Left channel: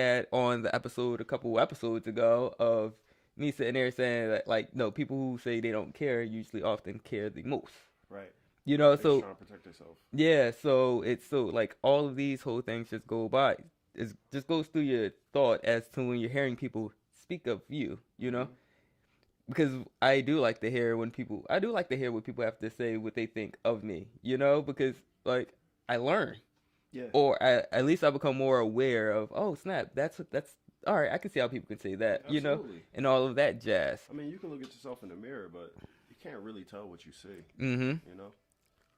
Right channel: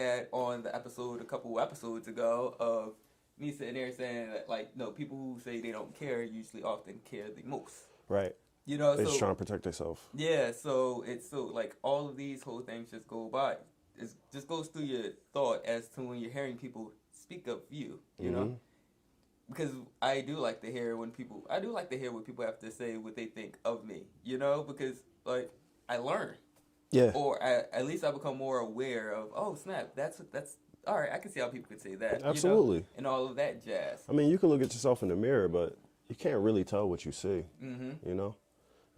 had on the episode a couple episodes ago of me sitting there saying that, like, no, people who say they don't care usually often care the most. Right. You know, They're just so trying to protect themselves. yeah, so it's so like all of these whole things just go by. It just goes through your thought as to when you're hearing people speak of you, you know? Hmm. Because I do like to hear when people, I do like to hear what people have to say, what they think of me, you know? Because, like, I learn. Yeah, Or at least I become more aware of, oh, snap, that's, all right, I can see how people can say that, you know? absolutely. And all of that jazz. I mean, you can look at yourself in the mirror, but you can't really tell what you see, Mm hmm. you know,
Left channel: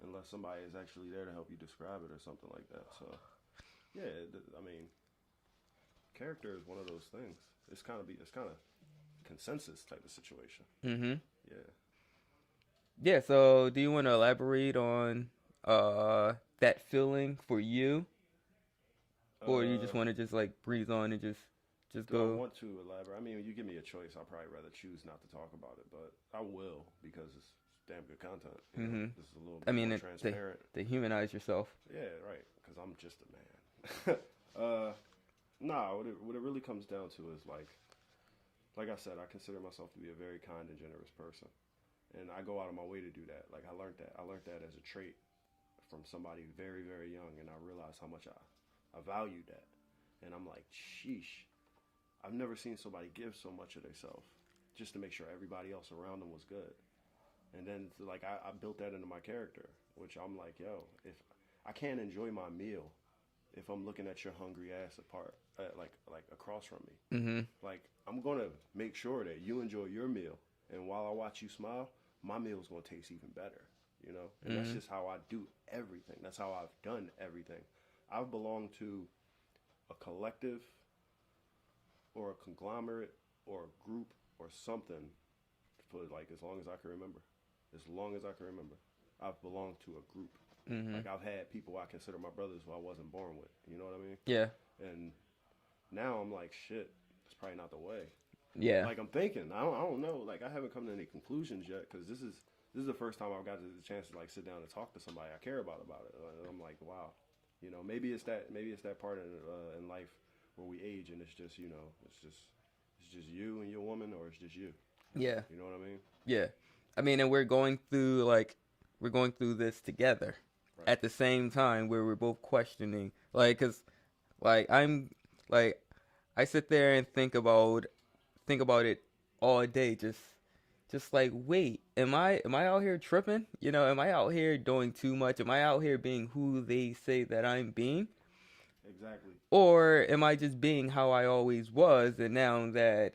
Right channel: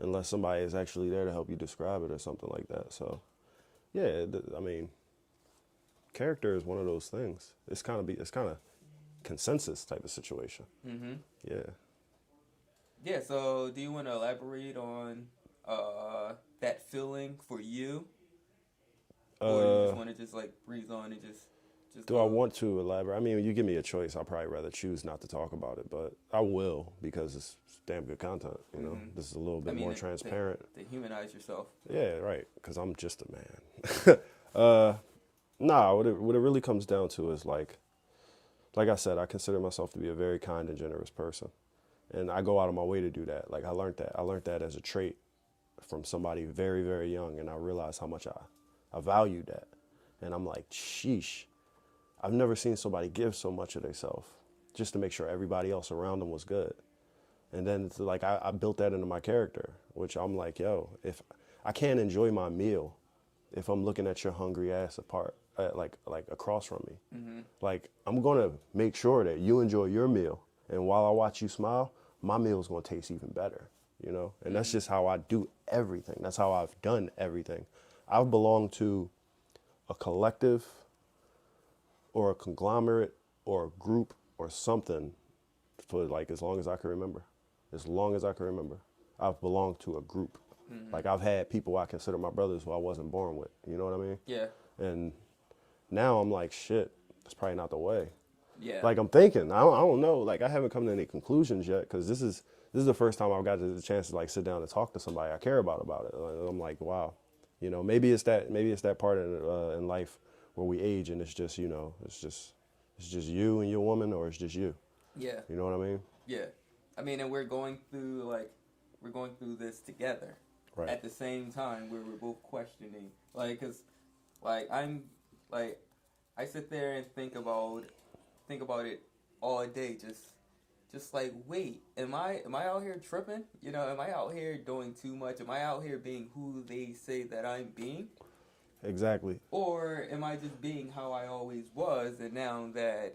unless somebody is actually there to help you describe it or something like that. So, yeah, I mean, character is one of those things. It's kind of consensus type of situation. Mm hmm. Yeah. Yeah, so do you want to elaborate on that feeling for you, or do you Uh, just want to just like breeze on and just do I go? want to elaborate? I mean, you give me a choice, I'll probably rather choose not to talk about it, but I will because it's damn good content. You know, Mm-hmm. this is a little I bit mean, more transparent. to humanize yourself. Yeah, right. Because I'm just a man. uh, nah, what it really comes down to is like I said, I consider myself to be a very kind and generous person, and I go out of my way to do that. Like I learned that. I learned that as a trait from somebody very very young, and I realized how much I valued that. And I'm like, sheesh, I've never seen somebody give so much of themselves just to make sure everybody else around them was good. And then it's like I built that into my character, which I'm like, yo, if I can't enjoy my meal if I'm looking at your hungry ass apart, like across from me. Mm-hmm. Like I'm gonna make sure that you enjoy your meal, and while I watch you smile, my meal's gonna taste even better. You know, and that's Mm-hmm. just how I do everything. That's how I've done everything. I've belonged to a collective or a conglomerate or a group or something for like as long as I can remember. As long as I can remember, I've belonged to a group. Mm-hmm. Like I've had people I consider my brothers who I wasn't born with. You know what I mean? Yeah. And now I'm like, shit, that's probably not the way. Yeah. Like I'm thinking, I don't know. Like I haven't come to any conclusions yet because this is the first time I've got the chance to like sit down and talk to somebody I care about it. And I'm like, wow, you know, maybe it's that part in life where we age and it's just you know it's just you and your woman or it's just you. Yeah. You know what I mean? Yeah. I mean, and we're going through this together Right. at the same time where we're both questioning, like, cause I'm like I sit there and think about it all day, just like, wait, am I out here tripping? You know, am I out here doing too much? Am I out here being who they say that I'm being? Exactly. Or am I just being how I always was, and now that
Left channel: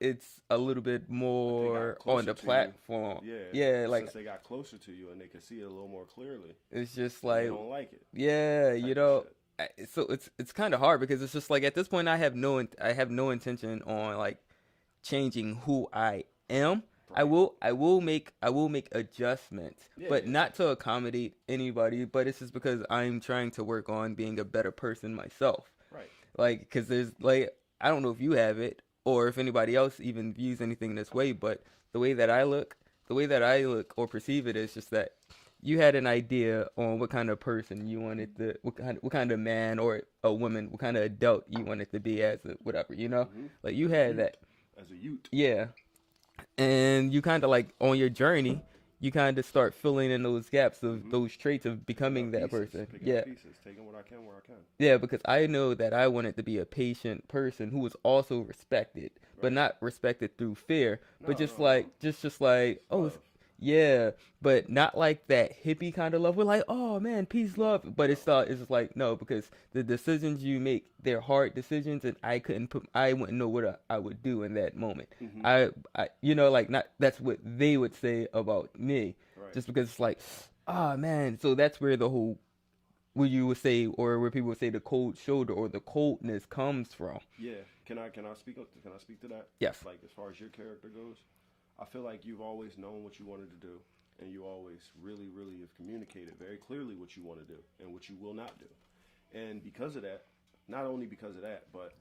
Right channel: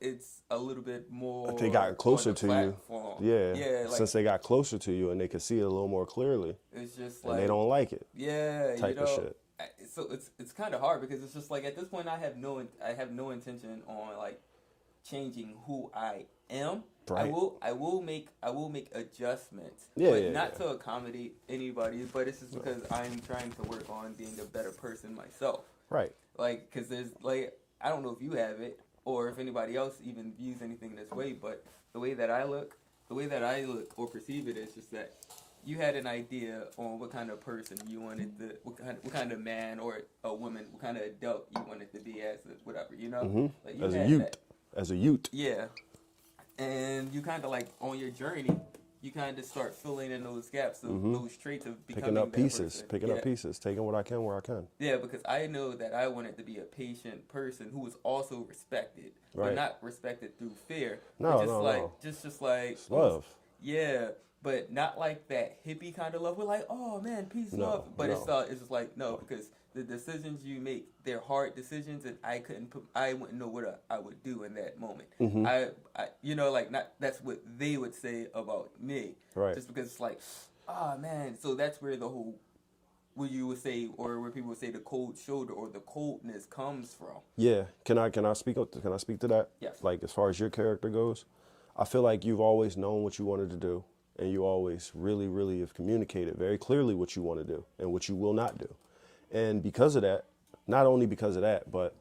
it's a little bit They got more on closer the to you. platform? Yeah. Yeah, like Since they got closer to you and they could see it a little more clearly it's just and they like, don't like it yeah, you type of know. shit. So it's kind of hard because it's just like at this point I have no intention on like changing who I am. Right. I will make adjustments, Yeah, but yeah, not yeah. to accommodate anybody. But it's just because I'm trying to work on being a better person myself. Right. Like, because there's like, I don't know if you have it or if anybody else even views anything this way, but the way that I look, the way that I look or perceive it is just that you had an idea on what kind of person you wanted to, what kind of man or a woman, what kind of adult you wanted to be as a whatever, you know? Hmm. Like you As a had that, Ute. As a Ute. yeah. And you kind of like on your journey, you kind of start filling in those gaps of Hmm. those traits of Picking becoming up that pieces. person. Picking Yeah. up pieces. Taking what I can where I can. Yeah, because I know that I wanted to be a patient person who was also respected, but Right. not respected through fear, but No, no, no. just like, It's oh, love. yeah, but not like that hippie kind of love. We're like, oh man, peace, love, No, but no. it's just like no, because the decisions you make, they're hard decisions, and I wouldn't know what I would do in that moment. Hmm. You know, like not that's what they would say about me, Right. just because it's like, oh man, so that's where the whole where you would say, or where people would say the cold shoulder or the coldness comes from. Yeah. Can I speak to that? Yes. Like as far as your character goes, I feel like you've always known what you wanted to do, and you always really, really have communicated very clearly what you want to do and what you will not do. And because of that, not only because of that, but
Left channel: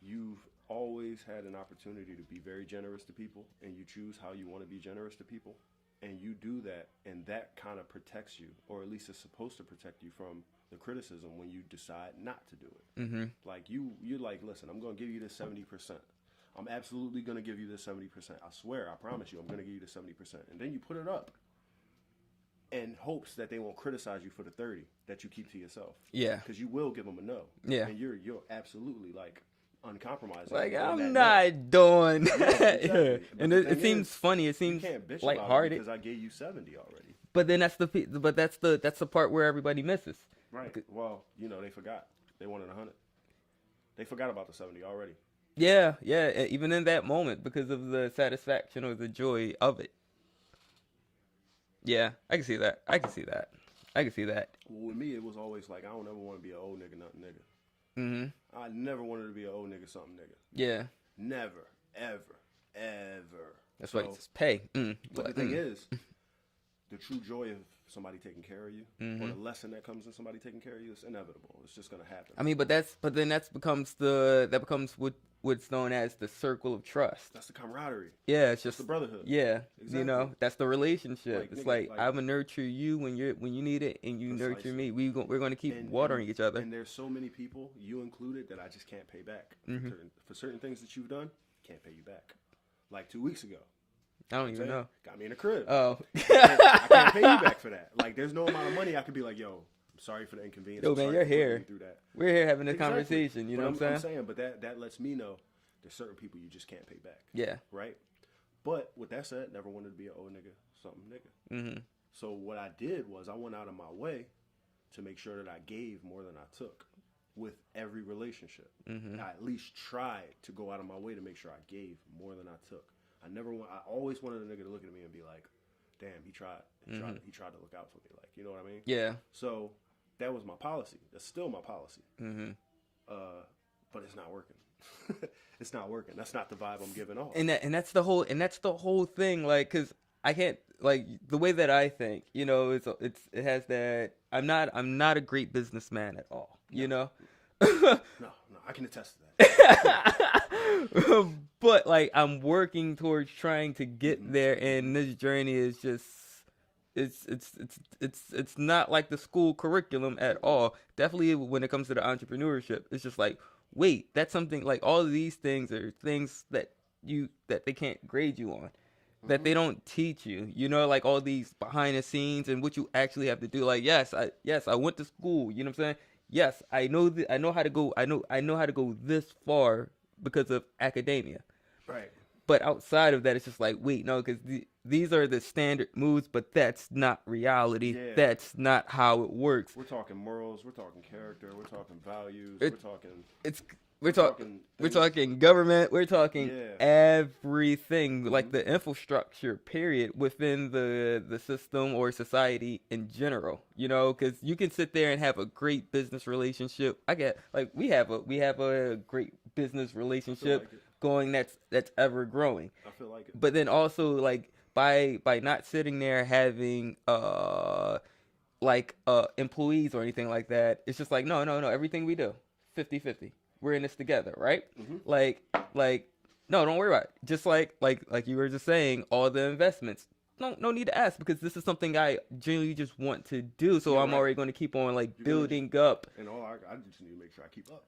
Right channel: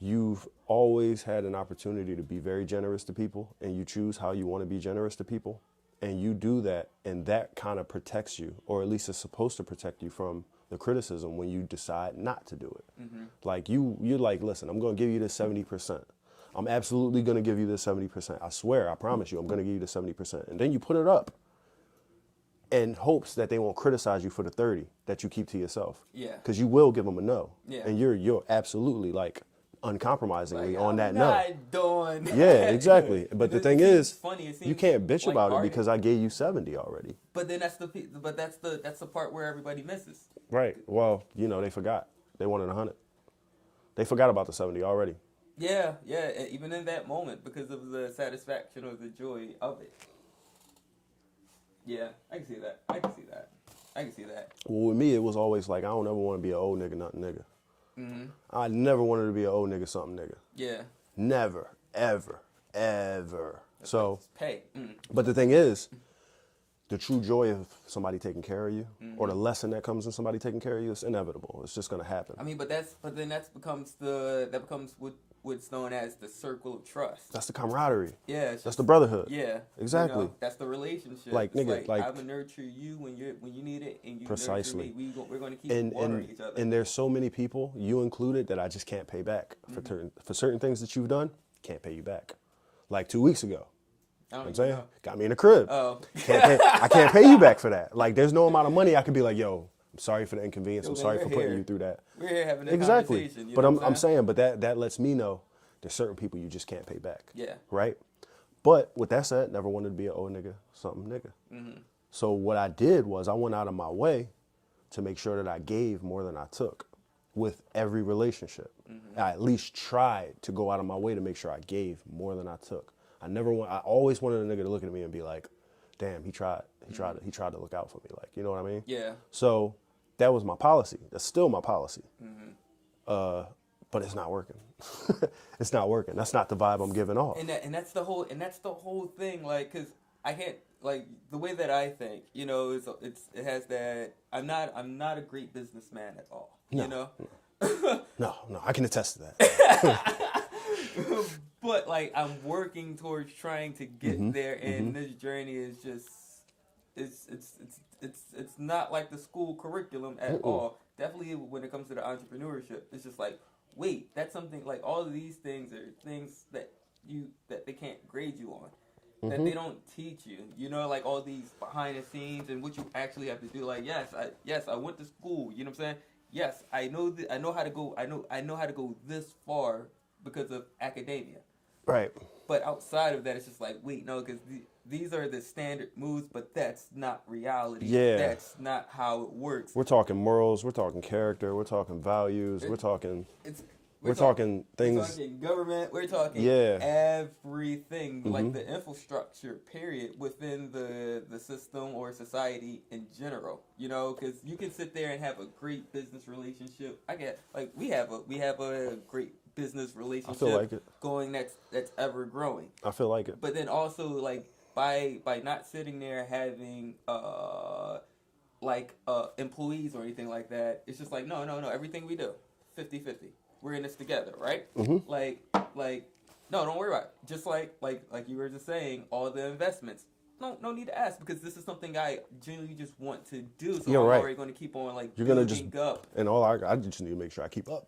you've always had an opportunity to be very generous to people, and you choose how you want to be generous to people, and you do that, and that kind of protects you, or at least it's supposed to protect you from the criticism when you decide not to do it. Mm-hmm. Like you're like, listen, I'm going to give you this 70%. I'm absolutely going to give you this 70%. I swear, I promise you, I'm going to give you the 70%. And then you put it up in hopes that they won't criticize you for the 30 that you keep to yourself. Yeah. Because you will give them a no. Yeah. And you're absolutely like uncompromisingly Like, on that I'm no. not doing. Yeah, exactly. But And the thing is, funny. It seems you can't bitch about lighthearted. it because I gave you 70 already. But then that's the part where everybody misses. Right. Well, they forgot. They wanted 100. They forgot about the 70 already. Yeah, even in that moment because of the satisfaction or the joy of it. Yeah, I can see that. Well, with me, it was always like, I don't ever want to be an old nigga, nothing nigga. Mm-hmm. I never wanted to be an old nigga, something nigga. Yeah. Never, ever, ever. That's So, like, just pay. but the thing is, the true joy of somebody taking care of you, or the lesson that comes in somebody taking care of you, is inevitable. It's just gonna happen. I mean, but then that becomes what's known as the circle of trust. That's the camaraderie. Yeah, it's That's just the brotherhood. Yeah, Exactly. That's the relationship. Like, It's nigga, like- I'm gonna nurture you when you need it, and you nurture Precisely. me. We're gonna keep watering each other. And there's so many people, you included, that I just can't pay back for certain things that you've done. Can't pay you back. Like 2 weeks ago. I don't I'm even saying, know. got me in the crib. Oh, I can't pay you back for that. Like, there's no amount of money I could be like, yo, I'm sorry for the inconvenience. Yo, I'm man, sorry you're for putting here. you through that. we're here having a Exactly. conversation. You But know I'm what saying, but that lets me know there's certain people you just can't pay back. Yeah. Right? But with that said, never wanted to be an old nigga, something nigga. Mm-hmm. So what I did was I went out of my way to make sure that I gave more than I took with every relationship. I at least tried to go out of my way to make sure I gave more than I took. I always wanted a nigga to look at me and be like, damn, he tried to look out for me. Like, you know what I mean? Yeah. So that was my policy. That's still my policy. But it's not working. It's not working. That's not the vibe I'm giving off. And that's the whole thing. Like, cause I can't, like, the way that I think, it has that. I'm not a great businessman at all. You know. No, I can attest to that. But like, I'm working towards trying to get there, and this journey is just. It's not like the school curriculum at all. Definitely when it comes to the entrepreneurship, it's just like, wait, that's something like all of these things are things that they can't grade you on, that they don't teach you. Like all these behind the scenes and what you actually have to do. Like, yes, I went to school. You know what I'm saying? Yes, I know how to go. I know how to go this far because of academia. Right. But outside of that, it's just like, wait, no, because these are the standard moves, but that's not reality. Yeah. That's not how it works. We're talking morals. We're talking character. We're talking values. We're talking things. We're talking government. We're talking Yeah. everything, like the infrastructure, period, within the system or society in general. Because you can sit there and have a great business relationship. We have a great business relationship like it. going that's ever growing. I feel like it. But then also, like, by not sitting there having employees or anything like that, it's just like, no, everything we do 50-50. We're in this together, right? Like no, don't worry about it. Just like you were just saying, all the investments, no need to ask, because this is something I genuinely just want to do. So I'm already going to keep on building up. And I just need to make sure I keep up.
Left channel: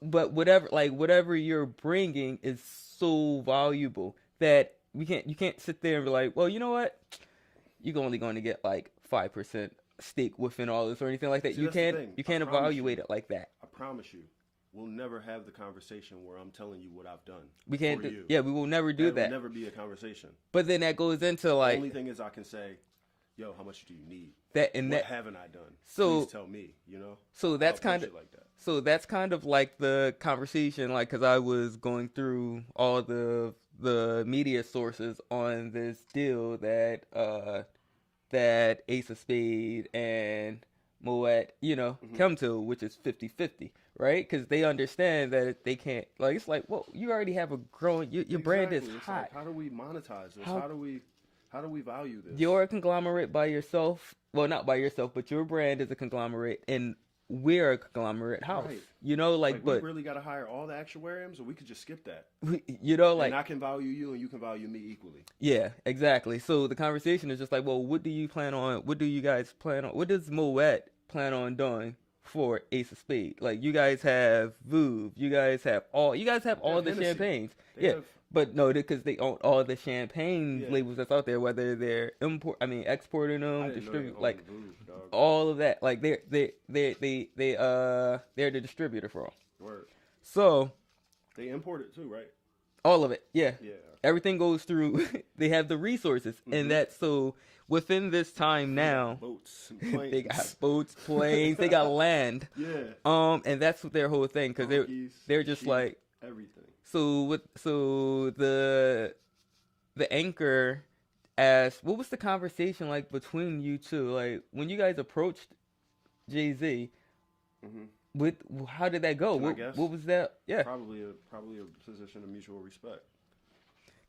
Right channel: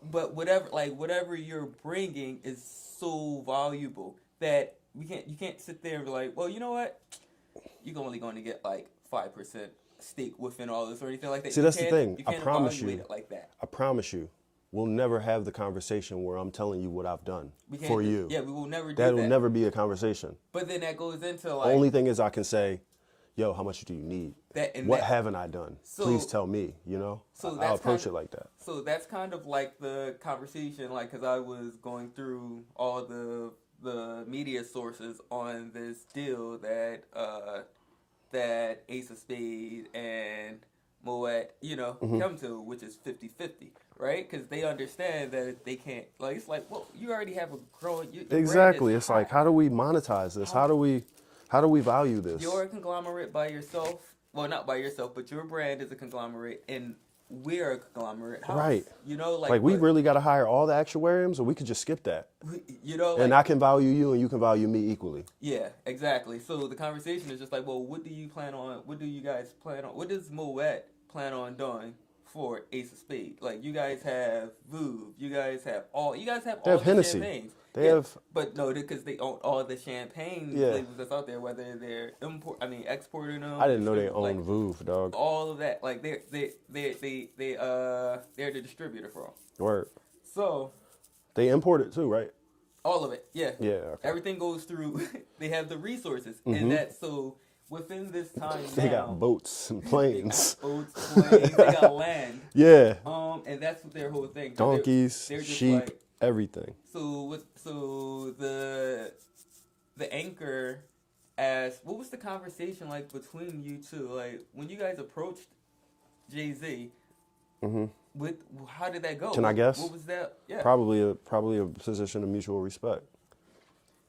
But whatever you're bringing is so valuable that you can't sit there and be like, well, you know what, you're only going to get like 5% stake within all this or anything like that. See, that's the thing. You can't evaluate it like that. I promise you, we'll never have the conversation where I'm telling you what I've done for you. Yeah, we will never do that. That will never be a conversation. But then that goes into The like, only thing is I can say, yo, how much do you need? What haven't I done? Please tell me, So I'll approach it like that. So that's kind of like the conversation, like, because I was going through all the media sources on this deal that that Ace of Spade and Moet, come to, which is 50-50, right? Because they understand that they can't, like, it's like, well, you already have a growing, your brand Exactly. is It's hot. like, how do we monetize this? How do we value this? You're a conglomerate by yourself. Well, not by yourself, but your brand is a conglomerate, and we're a conglomerate house. Right. You know, Like we really got to hire all the actuariums, or we could just skip that. you know, like, And I can value you, and you can value me equally. yeah, exactly. So the conversation is just like, well, what do you plan on? What do you guys plan on? What does Moet plan on doing for Ace of Spades? Like, you guys have Vouv, you guys have all have the Hennessy. champagnes. They have, but no, because they own all the champagne labels that's out there, whether they're exporting them. I didn't know they owned like, Vouv, dog. all of that. Like they're the distributor for all. Word. So They import it too, right? all of it, yeah. Yeah. Okay. Everything goes through. They have the resources, and that so within this time They now, got boats and they planes. got boats, planes, they got land. Yeah. And that's what their whole thing. Donkeys, they're just sheep, like everything. so. The anchor asked, what was the conversation like between you two? Like when you guys approached Jay-Z, how did that go? Can I guess? What was that? Yeah, Probably a position of mutual respect.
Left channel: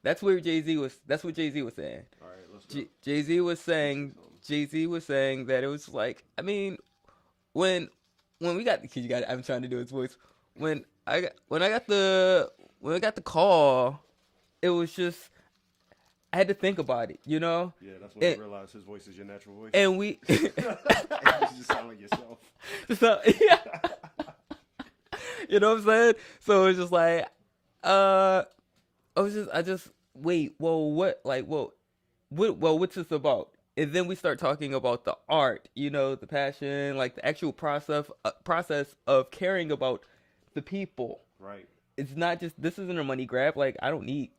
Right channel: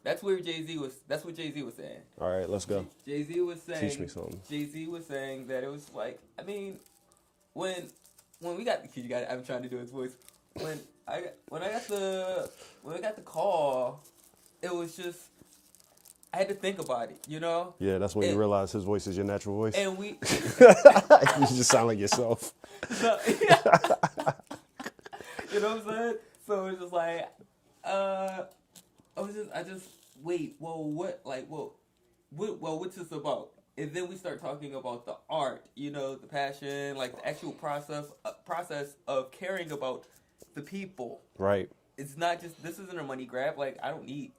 that's what Jay-Z was saying. All right, let's go. Jay-Z was saying that it was like, I mean, when we got the kid, I'm trying to do his voice. When I got the call, it was just, I had to think about it, you know? Yeah, that's when you realize his voice is your natural voice. And we You just sound like yourself. so, yeah. You know what I'm saying? So it was just like, what's this about? And then we start talking about the art, you know, the passion, like the actual process of caring about the people. Right. It's not just, this isn't a money grab. Like, I don't need,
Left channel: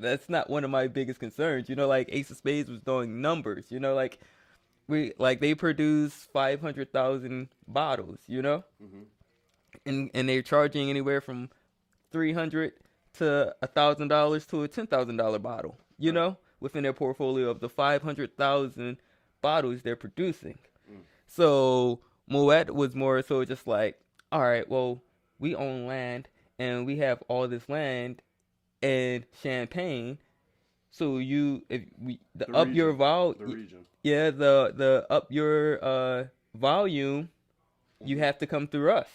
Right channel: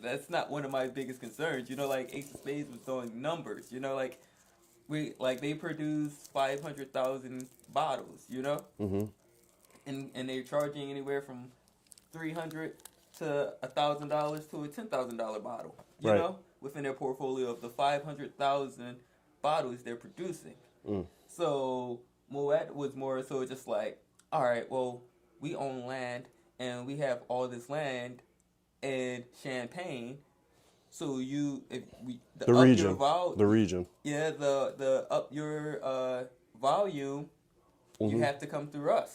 that's not one of my biggest concerns. You know, like Ace of Spades was doing numbers, you know, like they produce 500,000 bottles, you know? Mm-hmm. And they're charging anywhere from $300 to $1,000 to a $10,000 bottle, you know, within their portfolio of the 500,000 bottles they're producing. So Moet was more so just like, all right, well, we own land and we have all this land and Champagne. So the region. Yeah, the up your volume, you have to come through us.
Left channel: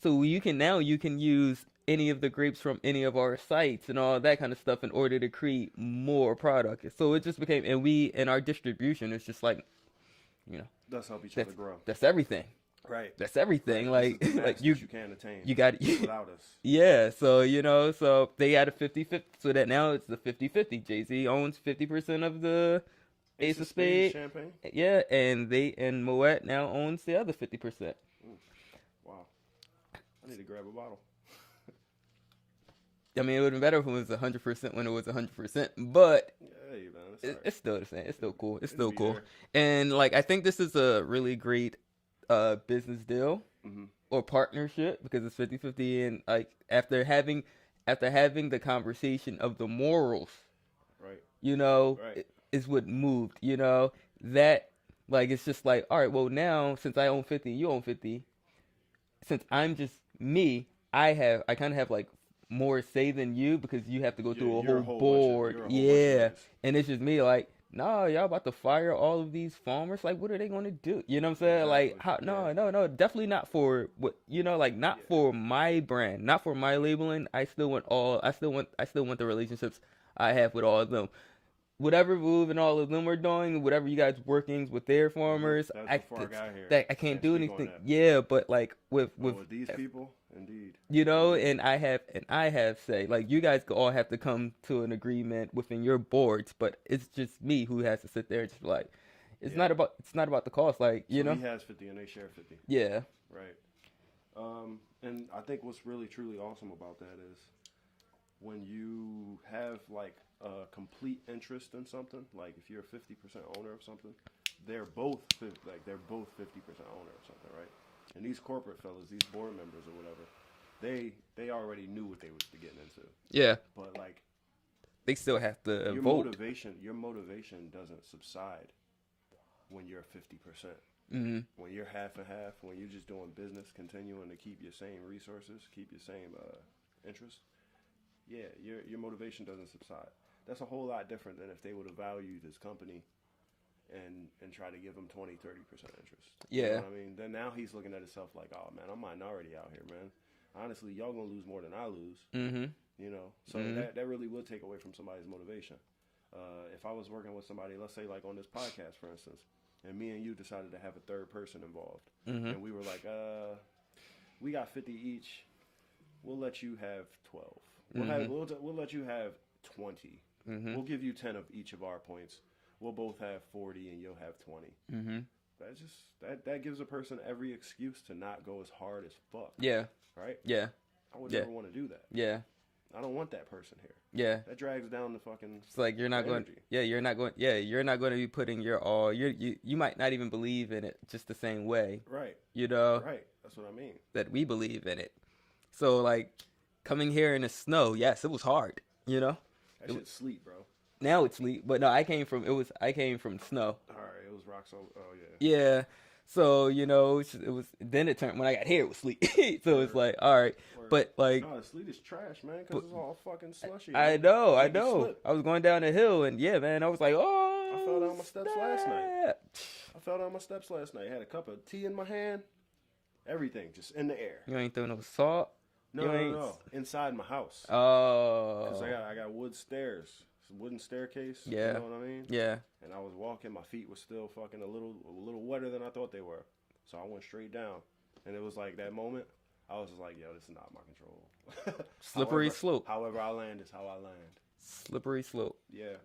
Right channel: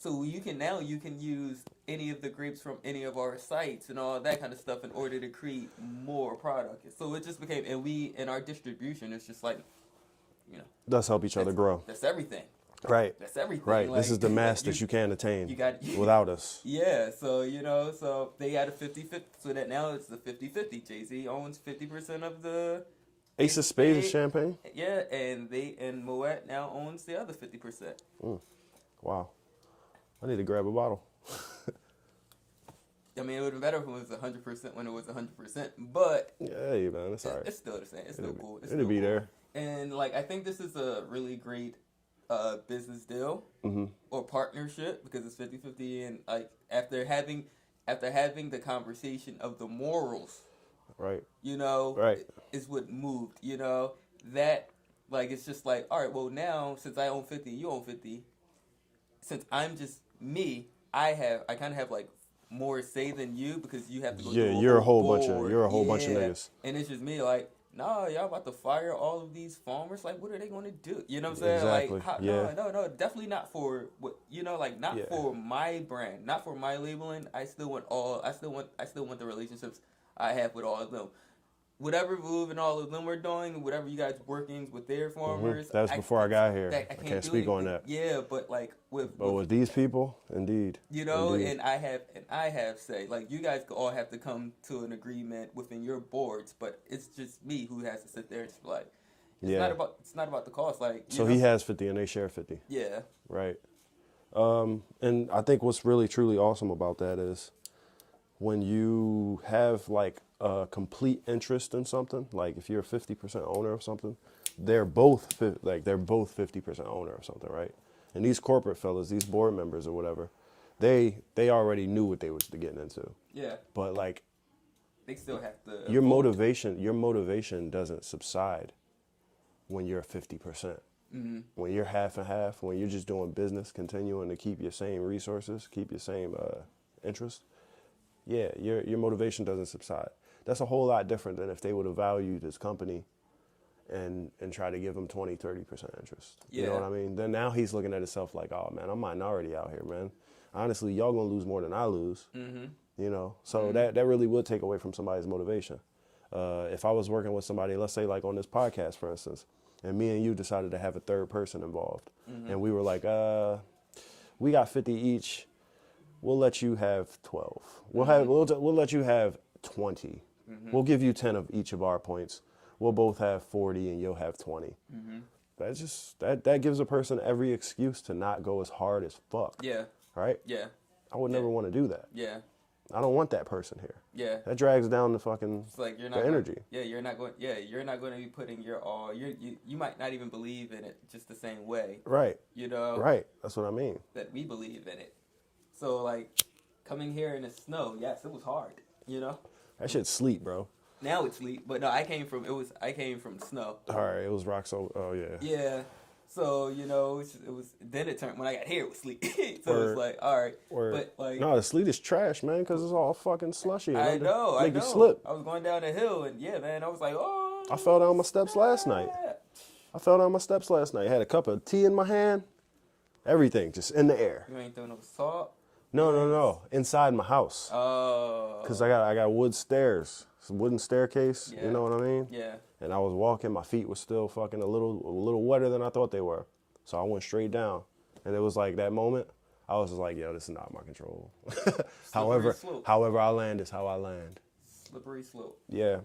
So you can use any of the grapes from any of our sites and all that kind of stuff in order to create more product. So it just became, and our distribution is just like, you know, Let's help each other grow. That's everything. Right. That's everything. Right. Like, this is the mass that you can't attain without us. Yeah. So, you know, so they had a 50-50. So that now it's the 50-50. Jay-Z owns 50% of the Ace of Spades champagne? Yeah. And Moet now owns the other 50%. Wow. I need to grab a bottle. I mean, it would have been better if it was 100% when it was 100%, but hey, man, it's all right. It's still the same. It's still cool. It's still cool. There. And like, I think this is a really great business deal or partnership because it's 50-50, and like after having the conversation of the morals, right? You know, right, is what moved. You know that, like, it's just like, all right, well now since I own 50, you own 50. Since I'm just me, I kind of have like more say than you because you have to go through you're a whole bunch of niggas. And it's just me like, nah, y'all about to fire all of these farmers. Like, what are they gonna do? You know what I'm saying? Exactly. Like, no, definitely not for what, you know, like not for my brand, not for my labeling. I still want the relationships I have with all of them. Whatever Vouv and all of them were doing, whatever you guys workings with their farmers. That was before I got here. I can't do anything. On that. Yeah, but like with these people, indeed. You know, indeed. and I have say, like, you guys all have to come to an agreement within your boards, but it's just me who has to sit there and just be like, it's not about the cost. Like, so he has 50 and they share 50. Yeah. Right. And I think what's really truly awesome about that is when you have like a complete interest in something, like if you're a 50% owner of something, they're both 50% owner of something, right? And these corporate fellas, these board members or whatever, they already knew what they was getting into. Yeah. But like, they still have to your vote. motivation doesn't subside when you're 50%. Mm-hmm. When you're half and half, when you're just doing business, continuing to keep your same resources, keep your same interests, yeah, your motivation doesn't subside. That's a whole lot different than if they would have valued this company and try to give him 20-30% interest. Yeah. You know what I mean? Then now he's looking at himself like, oh man, I'm minority out here, man. Honestly, y'all gonna lose more than I lose. Mm-hmm. You know, so that really would take away from somebody's motivation. If I was working with somebody, let's say like on this podcast, for instance, and me and you decided to have a third person involved, and we were like, we got 50 each. We'll let you have 12. We'll let you have 20. We'll give you 10 of each of our points. We'll both have 40 and you'll have 20. That's just that gives a person every excuse to not go as hard as fuck. Yeah. Right? Yeah. I would never want to do that. Yeah. I don't want that person here. Yeah. That drags down the fucking It's like you're not the going, energy. Yeah, you're not going. Yeah, you're not going to be putting your all. You might not even believe in it just the same way. Right. You know. Right. That's what I mean. That we believe in it. So like, coming here in the snow, yes, it was hard. You know. That shit's sleep, bro. Now it's sleet, but no, I came from snow. All right, it was rock so. Oh yeah. Yeah. So it was. Then it turned when I got here. It was sleet. So Word. it's like, all right, Word. but like. No, the sleet is trash, man, because it's all fucking slushy. I know. Make you I slip. was going down the hill, and yeah, man, I was like, oh. I fell down my steps last night. Had a cup of tea in my hand. Everything just in the air. You ain't throw no salt. No. Inside my house. Oh. Cause I got wood stairs, some wooden staircase. Yeah. You know what I mean? Yeah. And I was walking, my feet were still fucking a little wetter than I thought they were. So I went straight down, and it was like that moment. I was just like, yo, this is not my control. Slippery slope. However I land is how I land. Slippery slope. Yeah.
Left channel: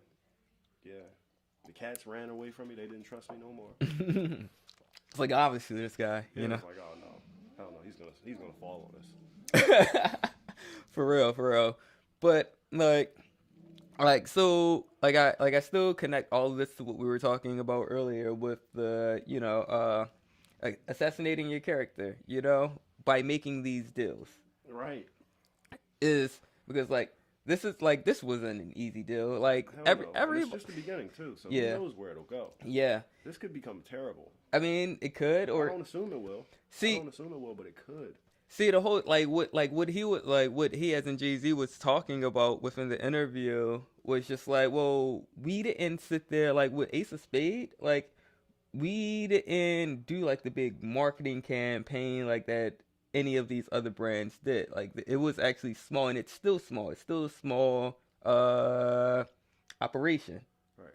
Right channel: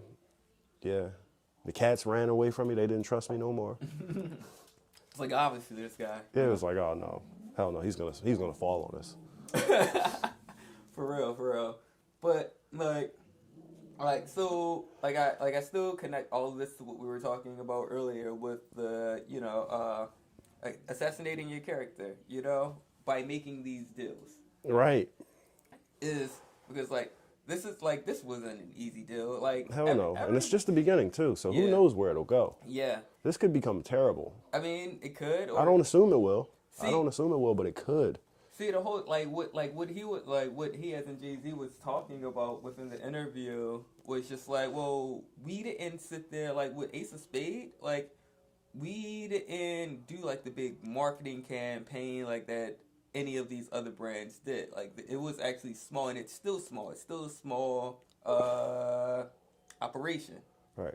The cats ran away from me. They didn't trust me no more. It's like obviously this guy. Yeah, it was like, oh no, hell no, he's gonna fall on us. For real. But I still connect all of this to what we were talking about earlier with the like assassinating your character, by making these deals. Right. Is because this wasn't an easy deal. Like hell no, and it's just the beginning too. So who knows where it'll go? Yeah. This could become terrible. I mean, it could. Or I don't assume it will. But it could. See the whole what he as in Jay-Z was talking about within the interview was just like, well, we didn't sit there like with Ace of Spade, like we didn't do like the big marketing campaign like that any of these other brands did. Like it was actually small, and it's still small. It's still a small operation. Right.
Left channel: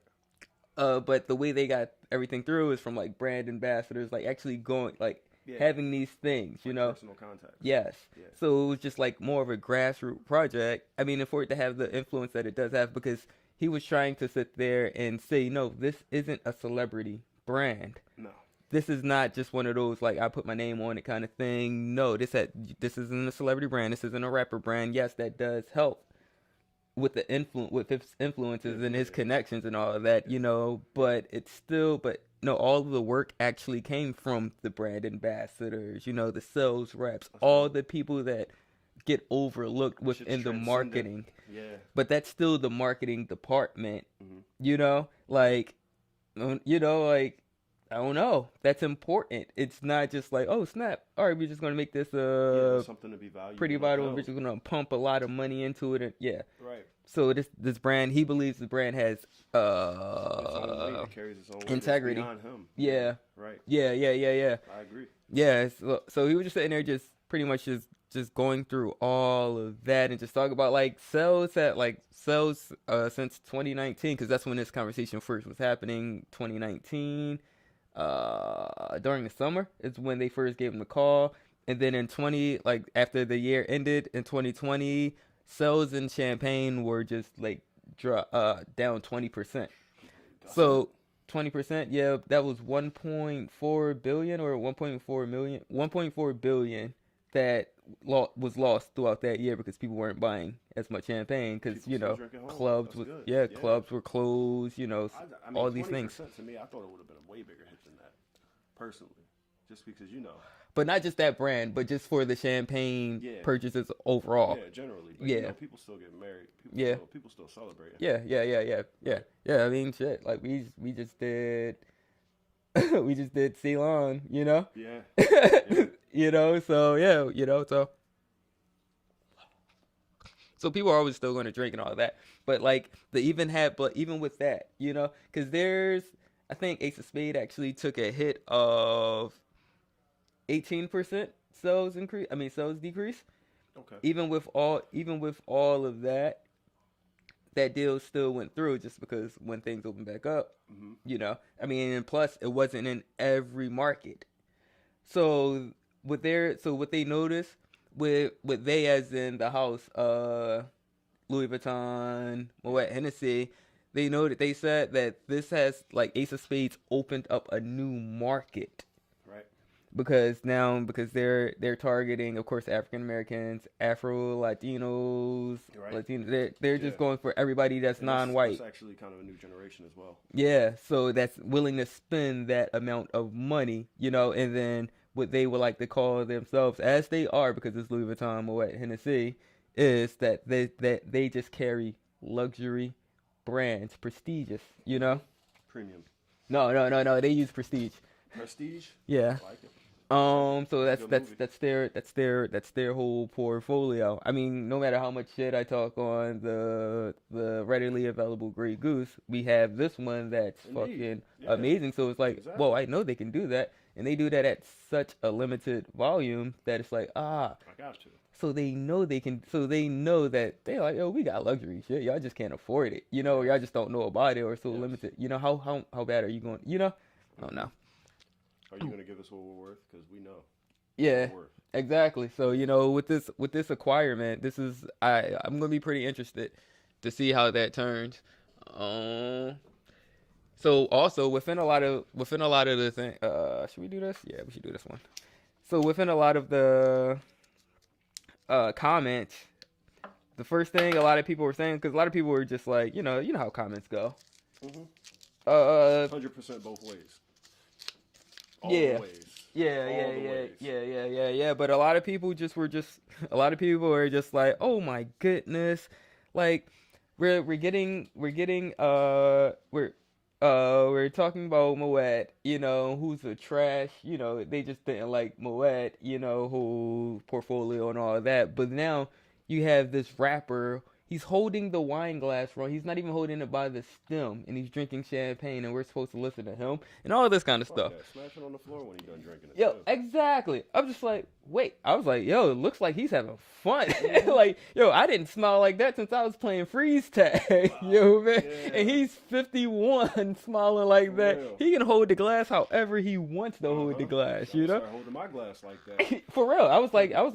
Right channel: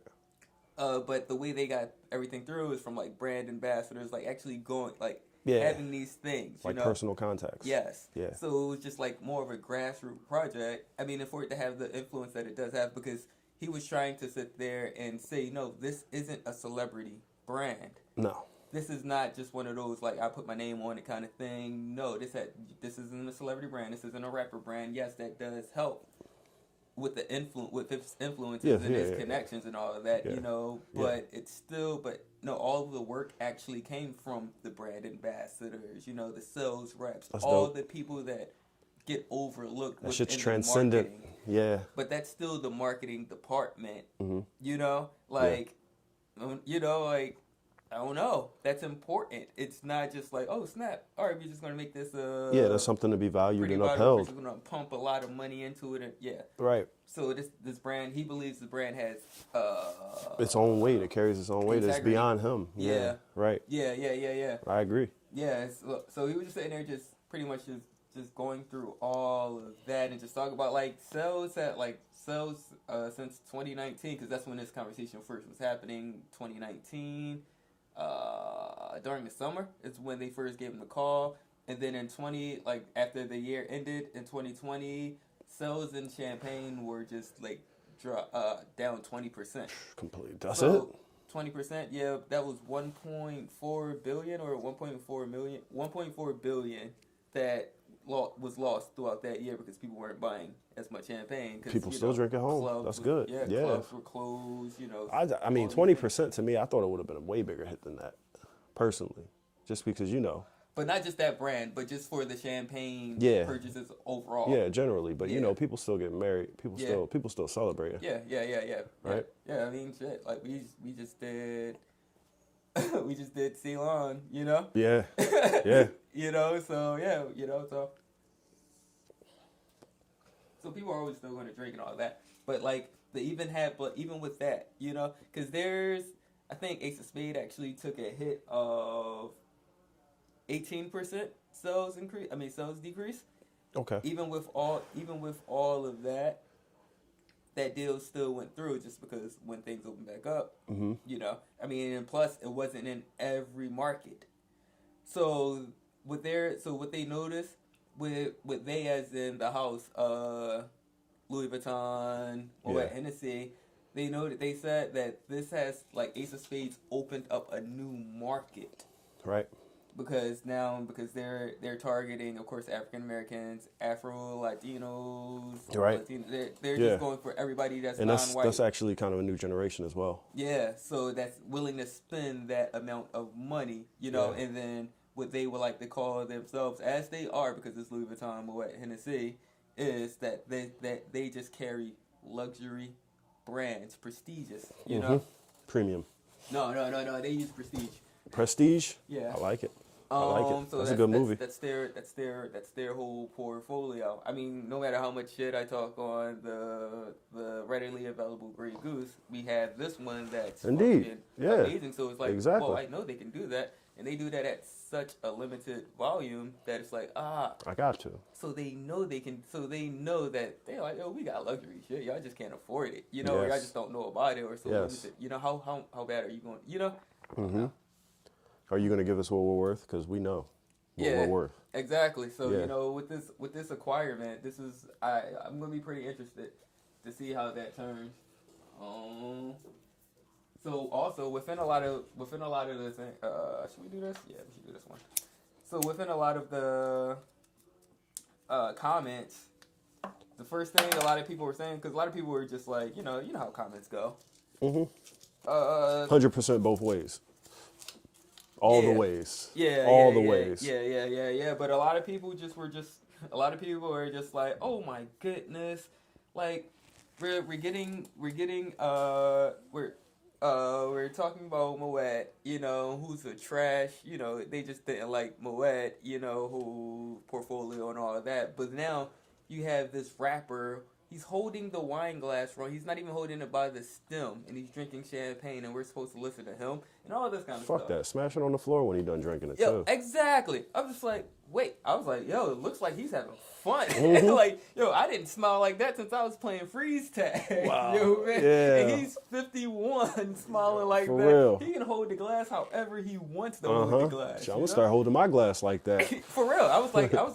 But the way they got everything through is from like brand ambassadors, like actually going like. Yeah. Having these things, like personal contacts. Yes. Yeah. So it was just like more of a grassroots project. I mean, and for it to have the influence that it does have, because he was trying to sit there and say, no, this isn't a celebrity brand. No. This is not just one of those like I put my name on it kind of thing. No, this isn't a celebrity brand. This isn't a rapper brand. Yes, that does help with the with his influences and his connections and all of that, but it's still, no, all of the work actually came from the brand ambassadors, the sales reps, the people that get overlooked within the marketing. Yeah. But that's still the marketing department, I don't know. That's important. It's not just like, oh, snap. All right, we're just going to make this there's something to be valued pretty and valuable. upheld. We're just going to pump a lot of money into it. And, Right. So this brand, he believes the brand has its own weight. It carries its own weight. It's beyond him. Yeah. Right. Yeah. I agree. Yeah. So he was just sitting there just pretty much just going through all of that and just talking about like sales since 2019, because that's when this conversation first was happening. 2019. During the summer is when they first gave him the call, and then in after the year ended in 2020, sales in Champagne were just like down 20%. Completely. That's so 20%, yeah, that was 1.4 billion or 1.4 billion that was lost throughout that year because people weren't buying as much champagne because people still drink at home. Clubs, that's good. Yeah, clubs were closed. I mean, 20% to me, I thought it would have been a way bigger hit than that, personally, just because But not just that brand, but just for the champagne purchases overall. Yeah, generally, but people still get married. People still celebrate. Yeah. Right? Yeah, I mean, shit. Like we just did. We just did Ceylon, Yeah. So so people are always still going to drink and all of that, but like even with that, because I think Ace of Spade actually took a hit of 18% sales increase. I mean sales decrease. Okay. Even with all of that, that deal still went through just because when things opened back up, I mean, and plus it wasn't in every market. So what they noticed with they as in the house, Louis Vuitton, Moet Hennessy, they said that this has like Ace of Spades opened up a new market. Right. Because they're targeting, of course, African Americans, Afro Latinos, right? They're just going for everybody that's non-white. That's actually kind of a new generation as well. Yeah, so that's willing to spend that amount of money, and then what they would like to call themselves, as they are, because it's Louis Vuitton, Moet Hennessy, is that they just carry luxury brands, prestigious, Premium. No, they use prestige. Prestige? Yeah. I like it. So that's a good movie. That's their whole portfolio. I mean, no matter how much shit I talk on the readily available Grey Goose, we have this one that's fucking amazing. So it's like, well, I know they can do that, and they do that at such a limited volume that it's like, I got to. So they know they can. So they know that they're like, we got luxury shit. Y'all just can't afford it, or y'all just don't know about it, or so limited. How bad are you going? I don't know. Are you going to give us what we're worth? Because we know what we're worth. Exactly. So, with this acquirement, I'm going to be pretty interested to see how that turns. So also within a lot of the thing, should we do this? Yeah, we should do this one. So within a lot of the comments, the first thing a lot of people were saying, because a lot of people were just like, you know how comments go. 100% both ways. All the ways. All the ways. Yeah. But a lot of people were just like, oh my goodness, like we're talking about Moet, who's a trash, they just didn't like Moet, whole portfolio and all of that. But now you have this rapper. He's holding the wine glass wrong. He's not even holding it by the stem, and he's drinking champagne, and we're supposed to listen to him, and all of this kind of stuff. Fuck that. Smash it on the floor when he's done drinking it, too. Exactly. I'm just like, wait. I was like, yo, it looks like he's having fun. Like, yo, I didn't smile like that since I was playing freeze tag. Wow. Man? Yeah. And he's 51 smiling like For that. real. He can hold the glass however he wants to hold the glass. I'm going to start holding my glass like that. For real. I was like, I'm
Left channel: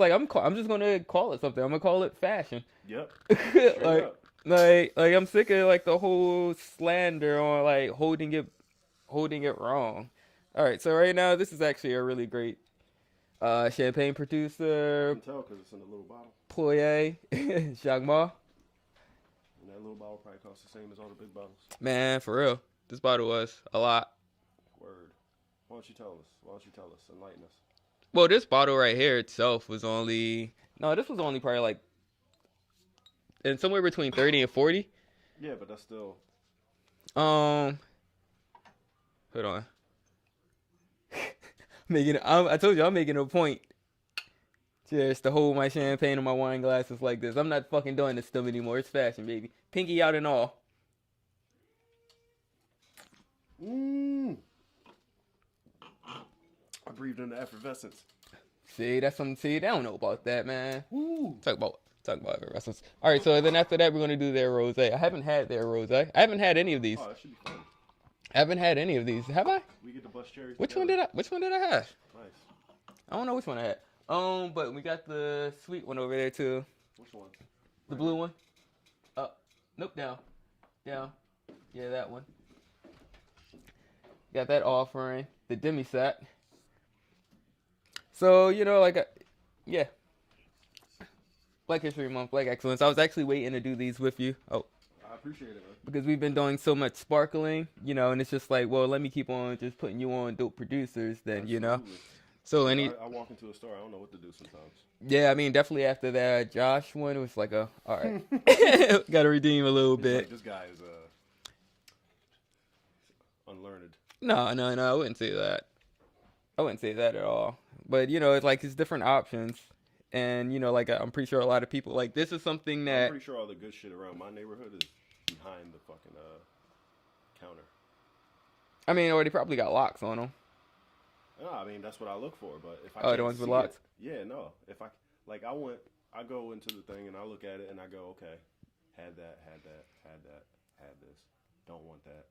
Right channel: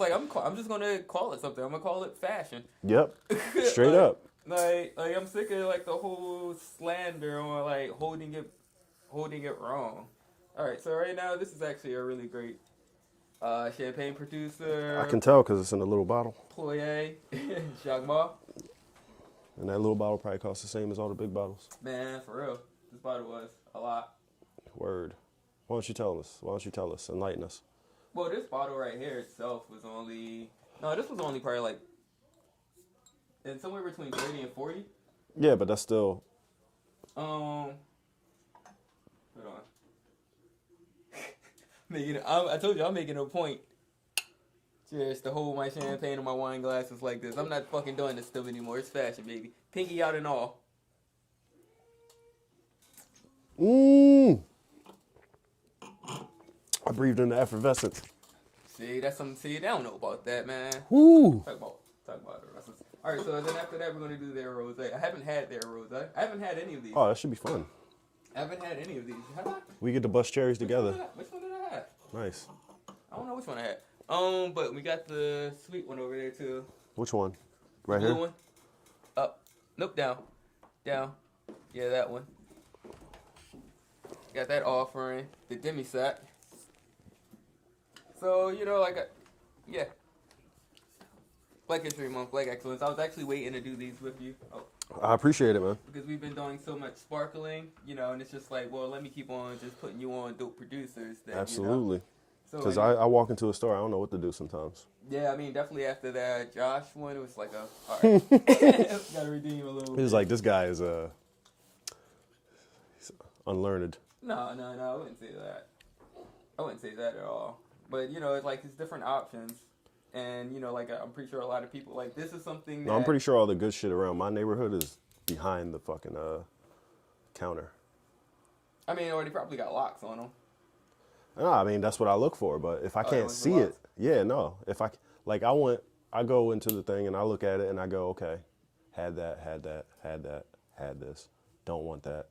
just going to call it something. I'm going to call it fashion. Yep. Straight up. Like I'm sick of like the whole slander on like holding it wrong. All right, so right now this is actually a really great champagne producer. I can tell because it's in a little bottle. Ployer, Jacques Ma. And that little bottle probably costs the same as all the big bottles. Man, for real, this bottle was a lot. Word. Why don't you tell us? Enlighten us. Well, this bottle right here itself was only probably like. And somewhere between 30 and 40. Yeah, but that's still. Hold on. I told you I'm making a point. Just to hold my champagne and my wine glasses like this. I'm not fucking doing this stuff anymore. It's fashion, baby. Pinky out and all. I breathed in the effervescence. See, that's something. See, they don't know about that, man. Woo. Talk about effervescence. All right, so then after that, we're gonna do their rosé. I haven't had their rosé. I haven't had any of these. Oh, that should be fun. I haven't had any of these. Have I? We get to bust cherries together. Which one did I have? Nice. I don't know which one I had. But we got the sweet one over there too. Which one? Right the blue here. One. Up. Nope. Down. Yeah, that one. Got that offering. The demi sec. So yeah. Black History Month, Black Excellence. I was actually waiting to do these with you. Oh. I appreciate it, man. Because we've been doing so much sparkling, and it's just like, well, let me keep on just putting you on dope producers then, Absolutely. So I walk into a store, I don't know what to do sometimes. Yeah, I mean, definitely after that Josh one, it was like all right. Got to redeem a little bit. He's like, this guy is he's unlearned. No, I wouldn't say that. I wouldn't say that at all. But, it's like it's different options. And, I'm pretty sure a lot of people, like, this is something that... I'm pretty sure all the good shit around my neighborhood is behind the fucking counter. I mean, or they probably got locks on them. No, I mean that's what I look for. But if I Oh, the can't ones with see it, locks. yeah, no. If I like, I go into the thing and I look at it and I go, okay, had that, had that, had that, had this. Don't want that.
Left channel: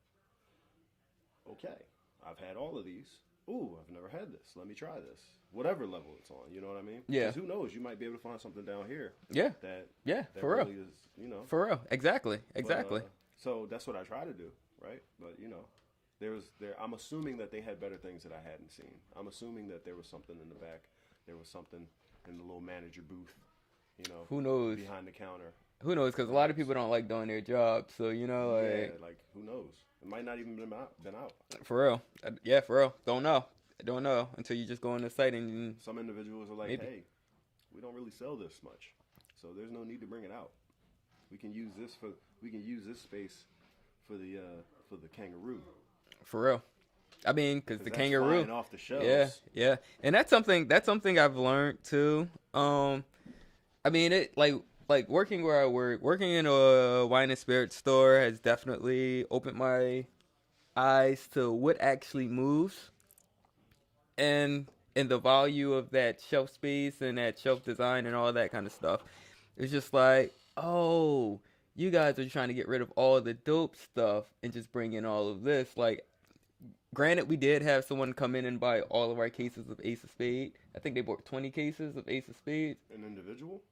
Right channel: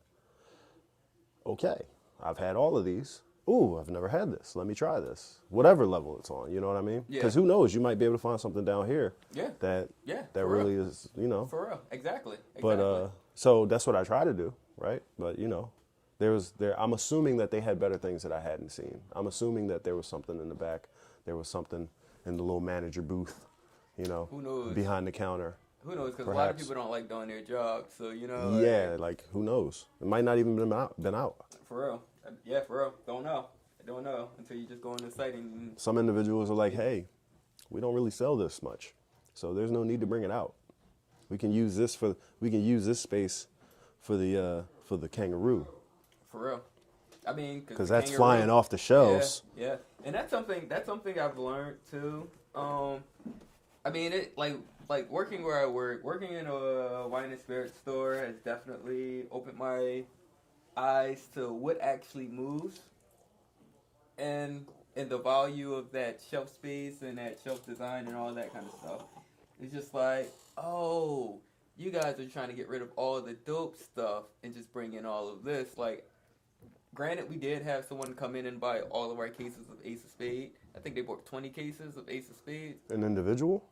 Okay, I've had all of these. Ooh, I've never had this. Let me try this. Whatever level it's on, you know what I mean? Yeah. Because who knows? You might be able to find something down here Yeah. that Yeah. that For really real. is, you know. For real. Exactly. But Exactly. so that's what I try to do, right? But you know, I'm assuming that they had better things that I hadn't seen. I'm assuming that there was something in the back. There was something in the little manager booth, you know, Who knows? behind the counter. Who knows? Because a lot of Perhaps. people don't like doing their job. So, you know. Yeah, like who knows? It might not even been out. For real. Yeah, for real. Don't know. I don't know until you just go on the site and Some individuals are like, Maybe. hey, we don't really sell this much, so there's no need to bring it out. We can use this space for the kangaroo for real. I mean, because because the that's kangaroo, flying off the shelves. yeah, and that's something I've learned too. I mean, it like working where I work, working in a wine and spirit store has definitely opened my eyes to what actually moves, and the value of that shelf space and that shelf design and all that kind of stuff. It's just like, oh, you guys are trying to get rid of all the dope stuff and just bring in all of this. Like, granted, we did have someone come in and buy all of our cases of Ace of Spade. I think they bought 20 cases of Ace of Spades. An individual?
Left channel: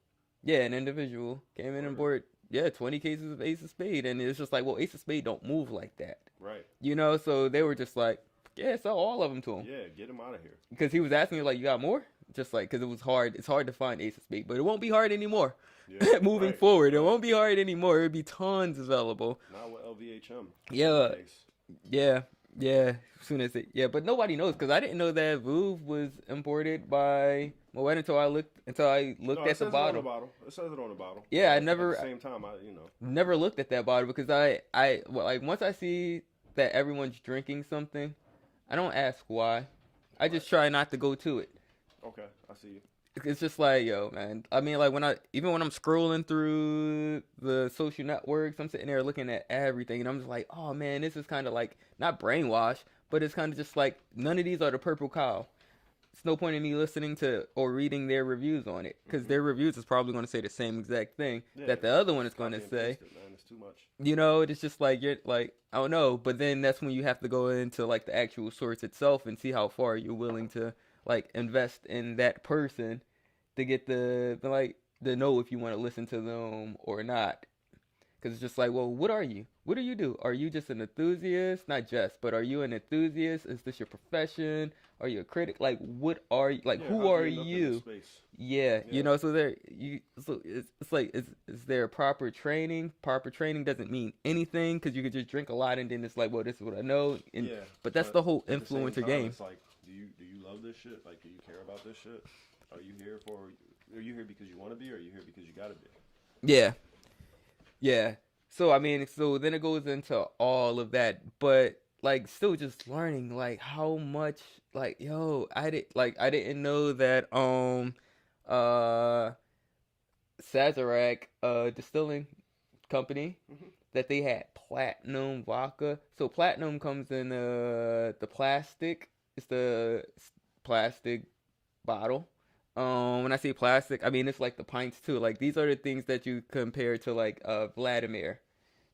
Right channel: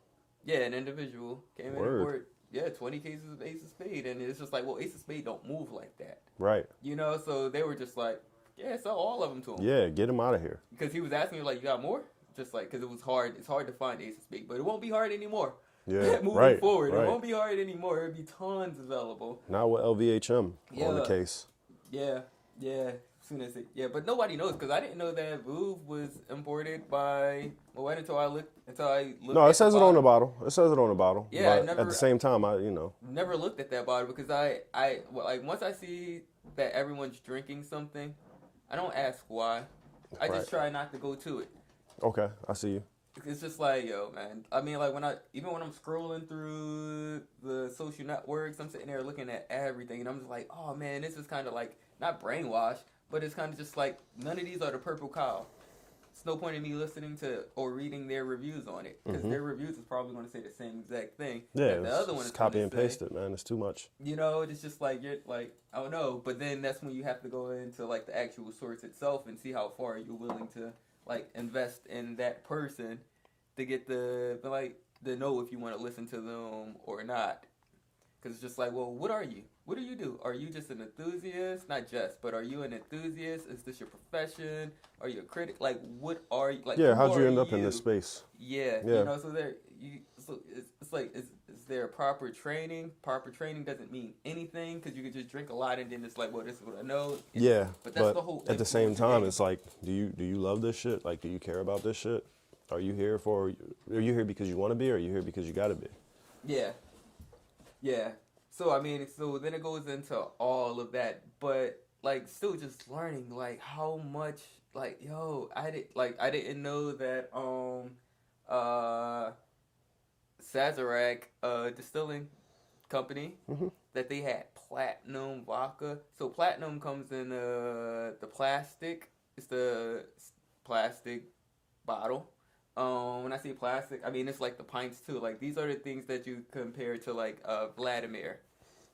Yeah, an individual came in and Word. bought 20 cases of Ace of Spade, and it's just like, well, Ace of Spade don't move like that, Right. you know. So they were just like, yeah, sell all of them to him. Yeah, get him out of here. Because he was asking me like, you got more? Just like, because it was hard. It's hard to find Ace of Spade, but it won't be hard anymore. Yeah, Moving right, forward, right. it won't be hard anymore. It'll be tons available. Not with LVHM on Yeah. the case. Yeah. As soon as but nobody knows because I didn't know that Vouv was imported by Moet until I looked. No, it says it on the bottle. It says it on the bottle. Yeah, I But never- At the same time, I Never looked at that bottle because like once I see that everyone's drinking something, I don't ask why. I just try not to go to it. Okay, I see you. It's just like, yo, man. I mean, like when I'm scrolling through the social networks, I'm sitting there looking at everything, and I'm just like, oh man, this is kind of like not brainwashed, but it's kind of just like none of these are the purple cow. It's no point in me listening to or reading their reviews on it because their reviews is probably going to say the same exact thing Yeah, that the other one is it's going copy to and say. paste it, man. It's too much. You know, it's just like you're like, I don't know, but then that's when you have to go into like the actual source itself and see how far you're willing to like invest in that person to get the know if you want to listen to them or not. Because it's just like, well, what are you? What do you do? Are you just an enthusiast? Not just, but are you an enthusiast? Is this your profession? Are you a critic? Like, what are you? Like, Yeah, who how'd you are end up in this space? Yeah, Yeah. you know, so it's like, is there proper training? Proper training doesn't mean anything because you could just drink a lot and then it's like, well, this is what I know. And, Yeah, but that's the whole at the same influencer time, game. it's like, do you love this shit? Like, do you care about this shit? Are you here because you want to be, or are you here because you got to be? Yeah. So I mean, so then it goes into all of that, but like still just learning like how much like I didn't know that Sazerac distilling company that they had platinum vodka. So platinum comes in the plastic. It's the plastic bottle. When I say plastic, I mean it's like the pints too. Like these are the things that you compare to like Vladimir.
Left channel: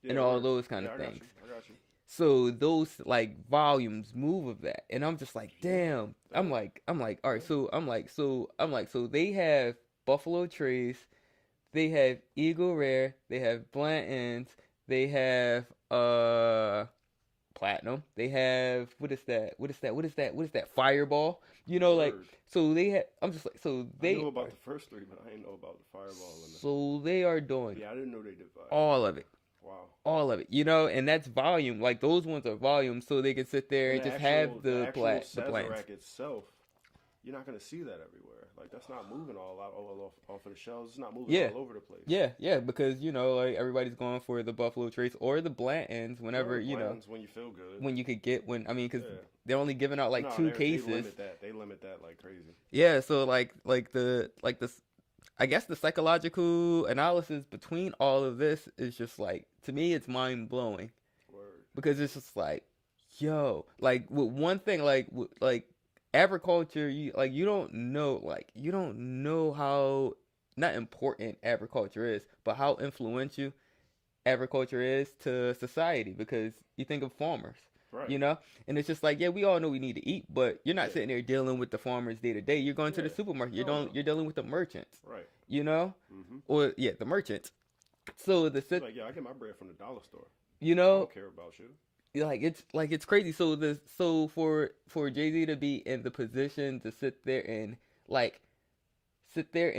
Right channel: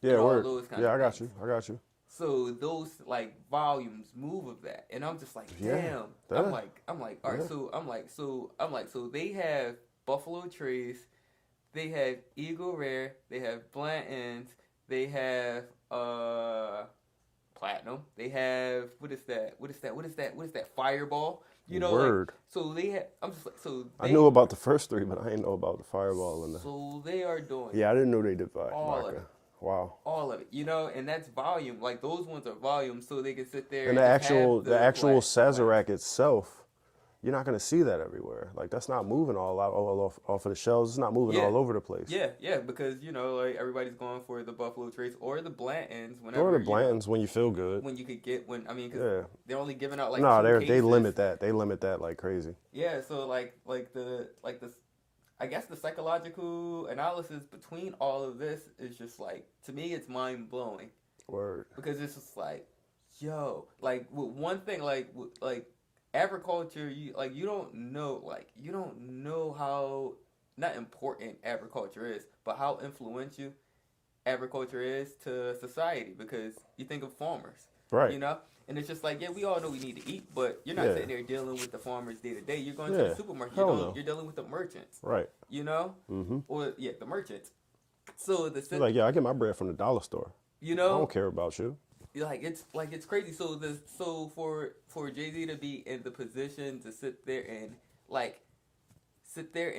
Yeah, and all word. those kind Yeah, of I got things. you. I got you. So those like volumes move of that, and I'm just like, Yeah, damn. that- I'm like, all right. Yeah. So they have Buffalo Trace, they have Eagle Rare, they have Blanton's, they have Platinum, they have what is that? Fireball. You know, Word. like so they have. I'm just like so. They, I knew about the first three, but I didn't know about the Fireball and the. So they are doing Yeah, I didn't know they did Fireball. all of it. Wow. All of it, you know, and that's volume. Like those ones are volume, so they can sit there And just have the actual glass. Sazerac itself, you're not gonna see that everywhere. Like that's not moving all off of the shelves. It's not moving all over the place. Yeah, because you know, like everybody's going for the Buffalo Trace or the Blantons whenever Or the Blantons when you feel good. when you could get because Yeah. they're only giving out like No, two they cases. limit that. They limit that like crazy. Yeah, so like the I guess the psychological analysis between all of this is just like to me it's mind blowing Word. because it's just like yo, like with one thing, like agriculture, you don't know how not important agriculture is, but how influential agriculture is to society because you think of farmers, Right. you know, and it's just like, yeah, we all know we need to eat, but you're not Yeah. sitting there dealing with the farmers day to day. You're going to Yeah. the supermarket. Hell no. You're dealing with the merchants, Right. you know, Mm-hmm. or yeah, the merchants. So You're like, yeah, I get my bread from the dollar store. you I know, don't care about you. it's crazy. So for Jay-Z to be in the position to sit there and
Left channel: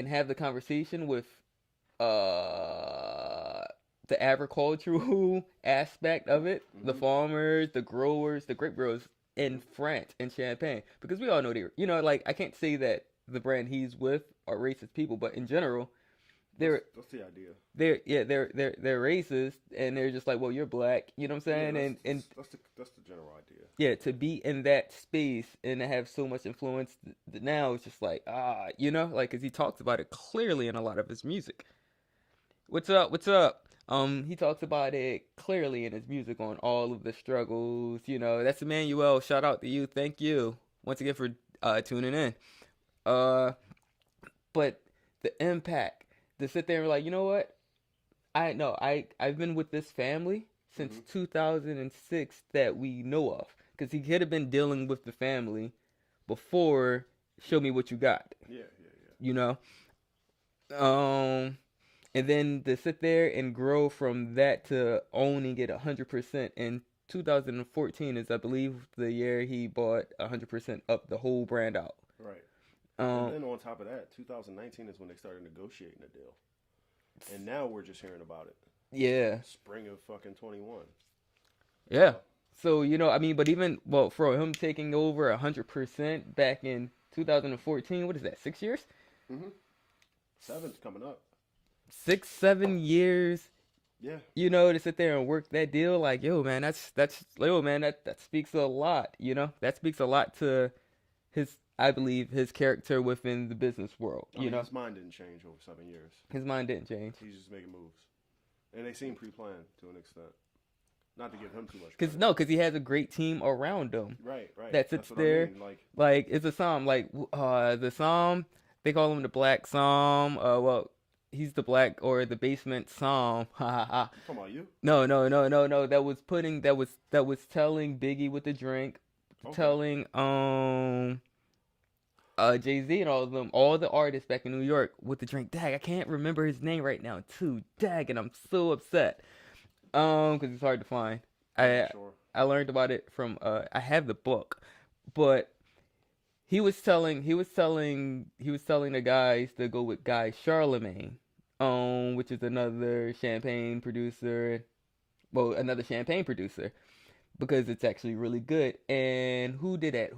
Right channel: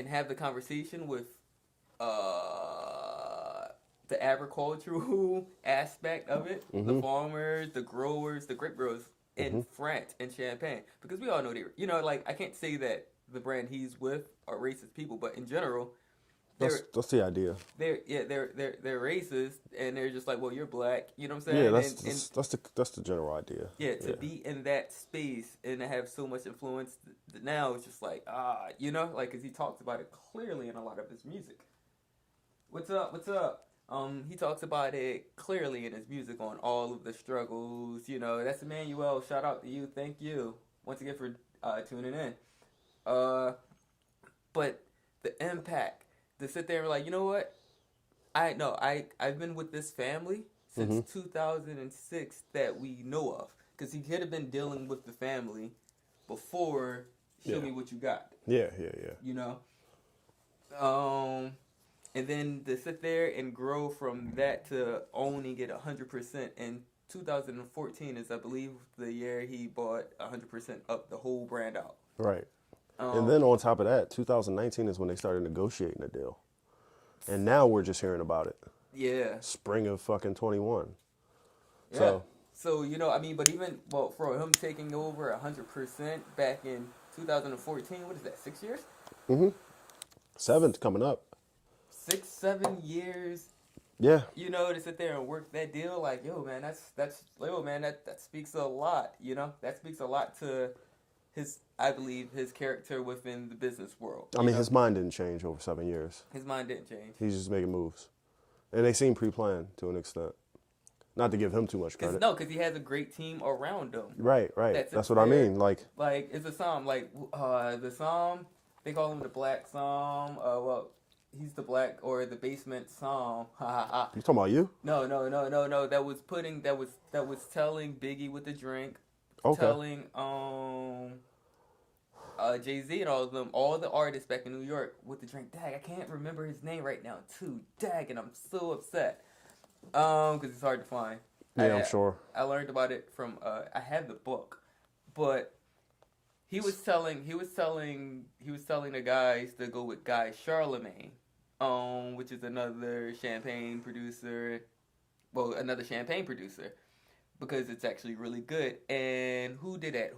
have the conversation with the agricultural aspect of it, the farmers, the growers, the grape growers in France and Champagne, because we all know they're, like, I can't say that the brand he's with are racist people, but in general, That's the idea. they're racist, and they're just like, well, you're black, you know what I'm saying? Yeah, that's the general idea. Yeah, to be in that space and to have so much influence now, it's just like, like, because he talks about it clearly in a lot of his music. What's up? He talks about it clearly in his music on all of the struggles. That's Emmanuel. Shout out to you. Thank you once again for tuning in. But the impact to sit there and like, you know what? I've been with this family since 2006 that we know of, because he could have been dealing with the family before Show Me What You Got. Yeah. And then to sit there and grow from that to owning it 100% in 2014 is, I believe, the year he bought 100% up the whole brand out. Right. And then on top of that, 2019 is when they started negotiating the deal. And now we're just hearing about it. Yeah. Spring of fucking 21. Yeah. So for him taking over 100% back in 2014, what is that, 6 years? 7th coming up. 6-7 years. Yeah. To sit there and work that deal, like, that speaks a lot, that speaks a lot to I believe his character within the business world. I mean, his mind didn't change over 7 years. His mind didn't change. He's just making moves. And they seem pre-planned to an extent. Not to give him too much credit. Because he has a great team around him. Right. That's what I mean. Like, it's a Psalm. Like, the Psalm, they call him the Black Psalm. He's the black or the basement Psalm. You talking about you? No. That was telling Biggie with the drink. Okay. Telling Jay-Z and all of them, all the artists back in New York with the drink. Dag, I can't remember his name right now too. Dag, and I'm so upset. Because it's hard to find. Yeah, I'm sure. I learned about it from I have the book, but he was telling the guys to go with Guy Charlemagne, which is another champagne producer, because it's actually really good. And who did it?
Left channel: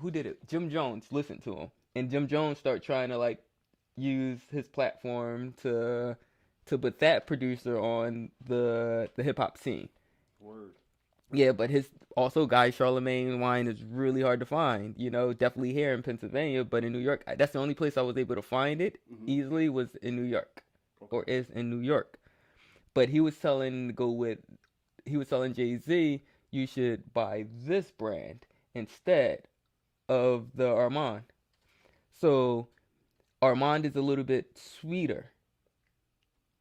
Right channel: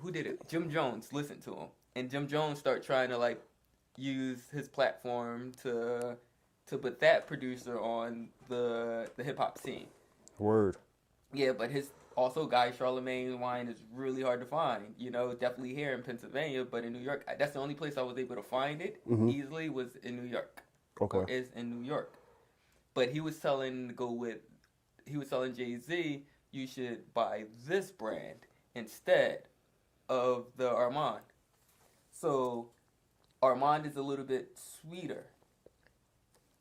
Jim Jones listened to him, and Jim Jones started trying to like use his platform to put that producer on the hip hop scene. Word. Yeah, but also Guy Charlemagne wine is really hard to find. Definitely here in Pennsylvania, but in New York, that's the only place I was able to find it easily was in New York. Okay. Or is in New York. But he was telling Jay-Z, you should buy this brand instead of the Armand. So Armand is a little bit sweeter.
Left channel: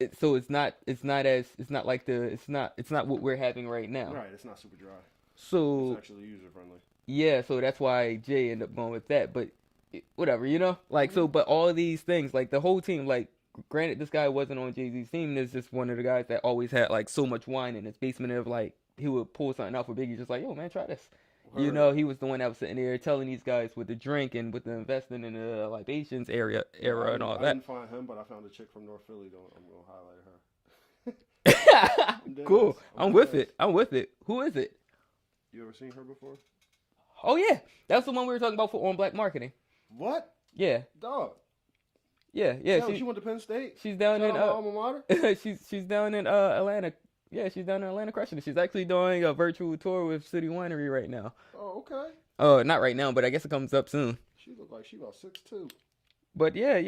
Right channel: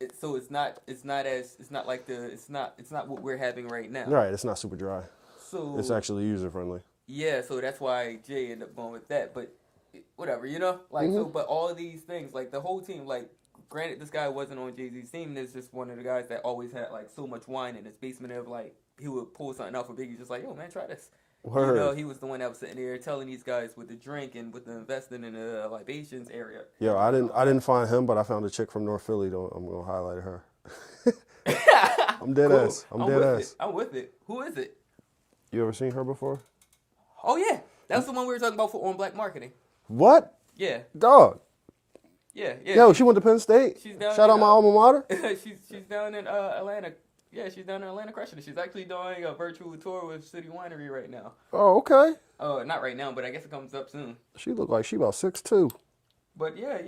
It's not what we're having right now. Right, it's not super dry. So it's actually user friendly. Yeah, so that's why Jay ended up going with that. But whatever, so. But all of these things, like the whole team, like granted, this guy wasn't on Jay-Z's team. There's just one of the guys that always had like so much wine in his basement of like he would pull something off for Biggie, just like, yo man, try this. Word. He was the one that was sitting there telling these guys with the drink and with the investing in the libations area. Yeah, I didn't find him, but I found a chick from North Philly. I'm gonna highlight her. I'm dead cool. ass. I'm with it. Who is it? You ever seen her before? Oh yeah, that's the one we were talking about on Black Marketing. What? Yeah. Dog. Yeah. Yo, she went to Penn State. She's down. Shout out my alma mater. she's down in Atlanta. Yeah, she's down in Atlanta crushing it. She's actually doing a virtual tour with City Winery right now. Oh, okay. Oh, not right now, but I guess it comes up soon. She looked like she about 6'2". But yeah.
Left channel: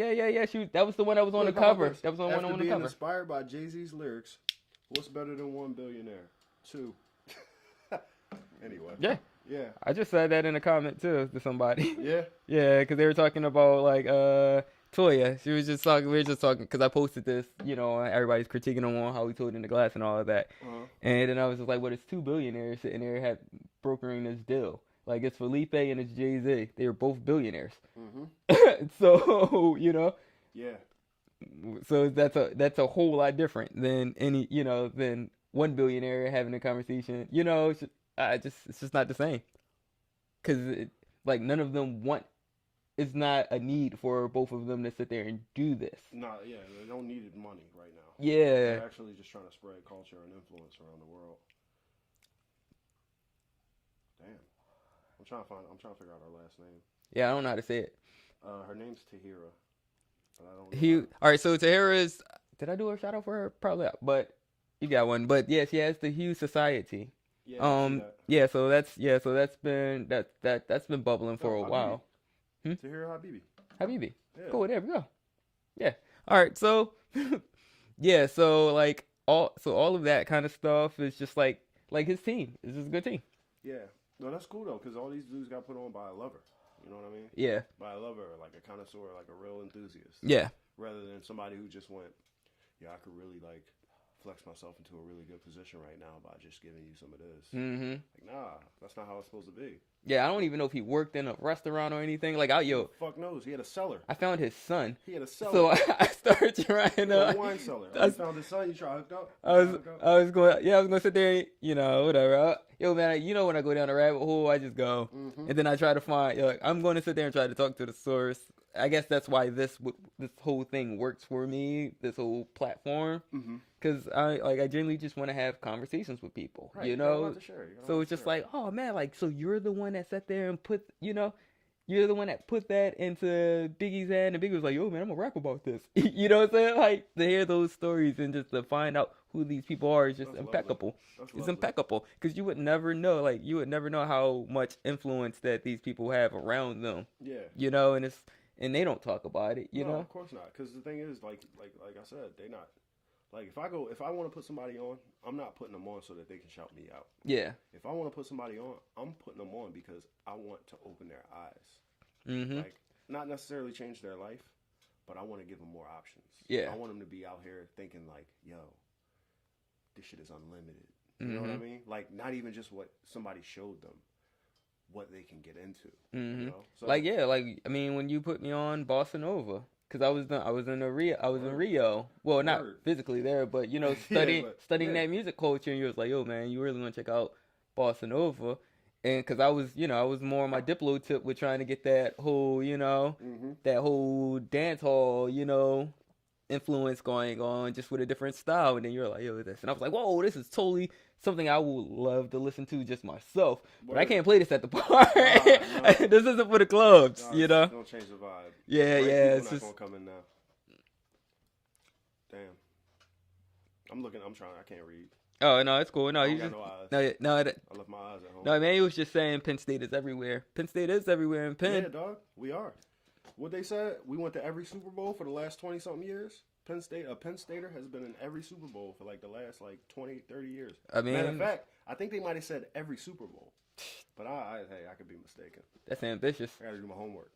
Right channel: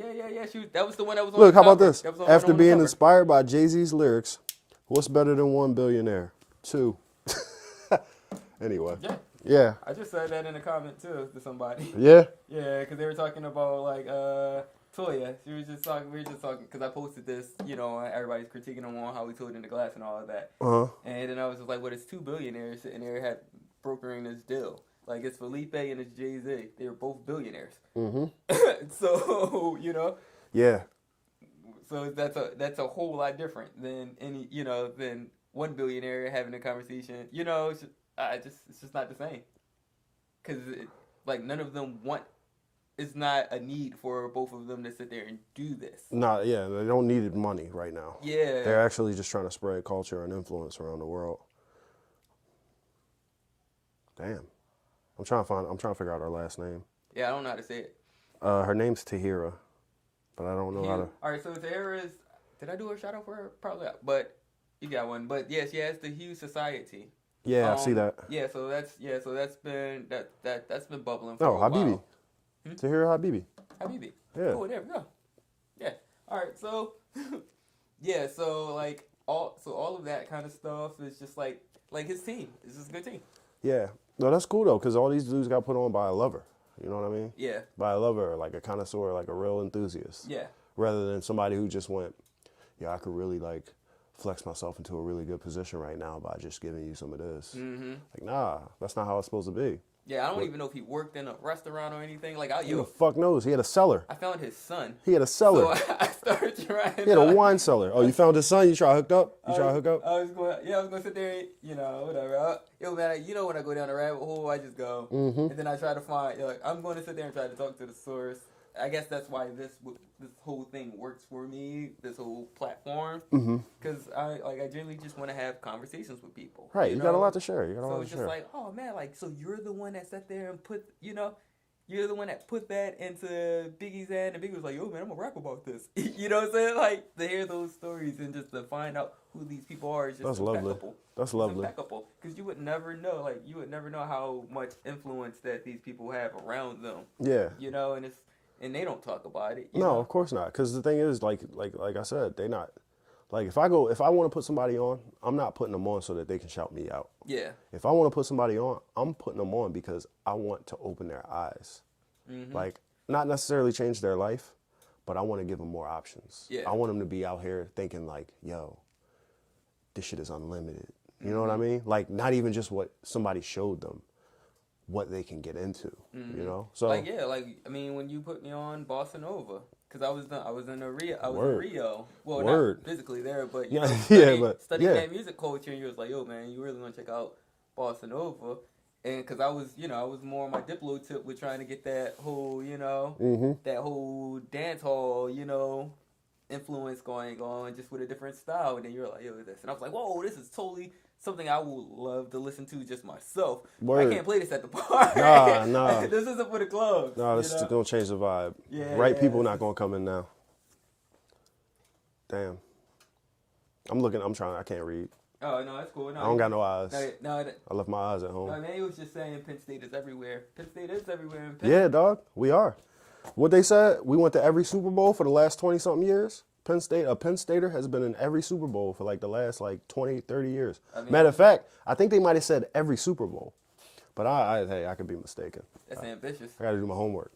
That was the one that was on Look, the how cover. about this? After being inspired by Jay-Z's lyrics, what's better than one billionaire? 2. Anyway. Yeah. Yeah. I just said that in a comment too to somebody. Yeah. Yeah, because they were talking about like Toya. She was just talking. We were just talking because I posted this. Everybody's critiquing him on how he told in the glass and all of that. Uh huh. And then I was just like, well, it's two billionaires sitting there had brokering this deal. Like it's Felipe and it's Jay-Z. They were both billionaires. Mm-hmm. So Yeah. so that's a whole lot different than than one billionaire having a conversation. It's just not the same. Because like none of them want. It's not a need for both of them to sit there and do this. Yeah, they don't need money right now. Yeah. They're actually just trying to spread culture and influence around the world. Damn. I'm trying to figure out her last name. Yeah, I don't know how to say it. Her name's Tahira, but I don't know how to... All right, so Tahira's... Did I do a shout out for her? Probably not, but you got one. But yeah, she has the Hughes Society. Yeah, I see that. Yeah, so that's been that's been bubbling for a Habibi. while. Tahira Habibi. Habibi. Yeah. Cool, there we go. Yeah. All right, so yeah, so like all of that kind of stuff is just like his team. It's just a good team. Yeah. No, that's cool though, because all these dudes got put on by a lover. You know what I mean? Yeah. By a lover, like a connoisseur, like a real enthusiast. Yeah. Rather than somebody who just went, yeah, I could really like flex myself into a really good position right now by just giving you some of this. Mm-hmm. Like, nah, that's not how it's supposed to be. Yeah, I don't even know if he worked in a restaurant or anything. Like, Who the fuck knows? He had a cellar. I found his son. He had a cellar. So I started trying. He had a wine cellar. Oh, you found his son? You try to hook up? I was going to sit there, whatever. Yo, man, when I go down the rabbit hole, I just go. Mm-hmm. And then I try to find, I'm going to sit there and try to talk to the source. I guess that's why this whole thing works for me, this whole platform. Because I generally just want to have conversations with people. Right, you got a lot to share. So it's just like, oh, man, so you're the one that sat there and put, you're the one that put that into Biggie's hand, and Biggie was like, yo, man, I'm going to rap about this. You know what I'm saying? Like, to hear those stories and just to find out who these people are is just That's impeccable. Lovely. That's it's lovely. impeccable. Because you would never know, how much influence that these people have around them. Yeah. And they don't talk about it. No, of course not. Because the thing is, like I said, they not... Like, if I want to put somebody on, I'm not putting them on so that they can shout me out. Yeah. If I want to put somebody on, I'm putting them on because I want to open their eyes. Mm-hmm. Like, not necessarily change their life, but I want to give them more options. Yeah. I want them to be out here thinking like, yo, this shit is unlimited. You know what I mean? Like, not even just what somebody showed them, what they can get into, you know? So when you put me on Bossa Nova, because I was in Rio. Well, Word. not physically there, but studying that music culture, and you was like, yo, man, you really want to check out Bossa Nova. And because I was more on my Diplo tip with trying to get that whole, that whole dance hall, influence going on just with a different style. And then you're like, yo, this. And I was like, whoa, this is totally something I would love to listen to just myself. But I can't play this at the party. Nah. This isn't for the clubs. No, this is going to change the vibe. Yeah, people not going to come in now. Damn. I can't read. Oh, no, it's cool. No, I don't got no eyes. No, I left my eyes at home. No, man, he was just saying Penn State is everywhere. Penn State is everywhere in Penn. Yeah, dog. We are. What they said, we went to every Super Bowl for the last 20-something years. A Penn Stater has been in every Super Bowl for like the last 20, 30 years. Matter of fact, I think they might have said every Super Bowl. But I could be mistaken. That's ambitious. I got to do my homework.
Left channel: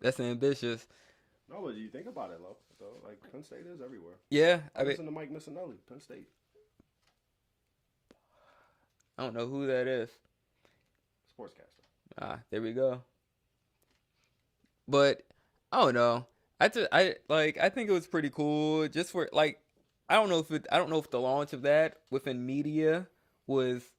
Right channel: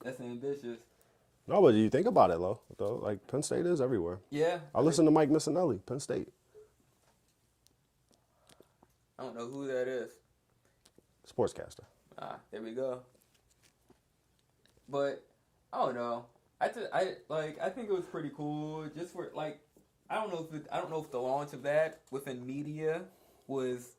That's ambitious. No, but you think about it, though. Like, Penn State is everywhere. Yeah. I listen to Mike Missinelli, Penn State. I don't know who that is. Sportscaster. There we go. But I don't know. I think it was pretty cool. Just for I don't know if the launch of that within media was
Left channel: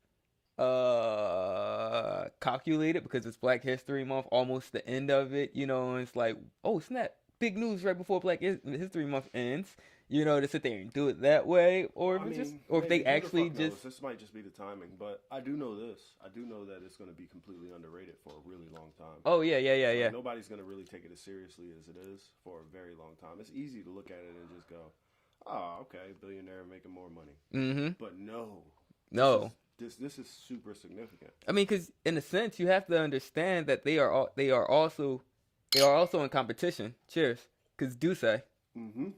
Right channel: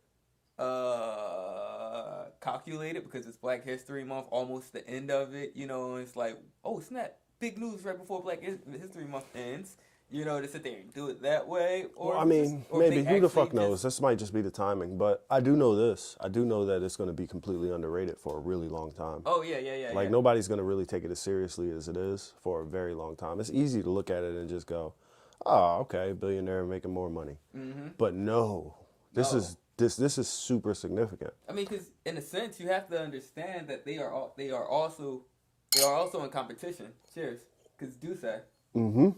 calculated because it's Black History Month, almost the end of it. And it's like, oh snap, big news right before Black History Month ends. To sit there and do it that way, or maybe who the fuck knows? This might just be the timing, but I do know this. I do know that it's going to be completely underrated for a really long time. Oh yeah. Nobody's going to really take it as seriously as it is for a very long time. It's easy to look at it and just go, "Oh, okay, billionaire making more money." Mm-hmm. But this is super significant. I mean, because in a sense, you have to understand that they are also in competition. Cheers, because Duce. Mm-hmm.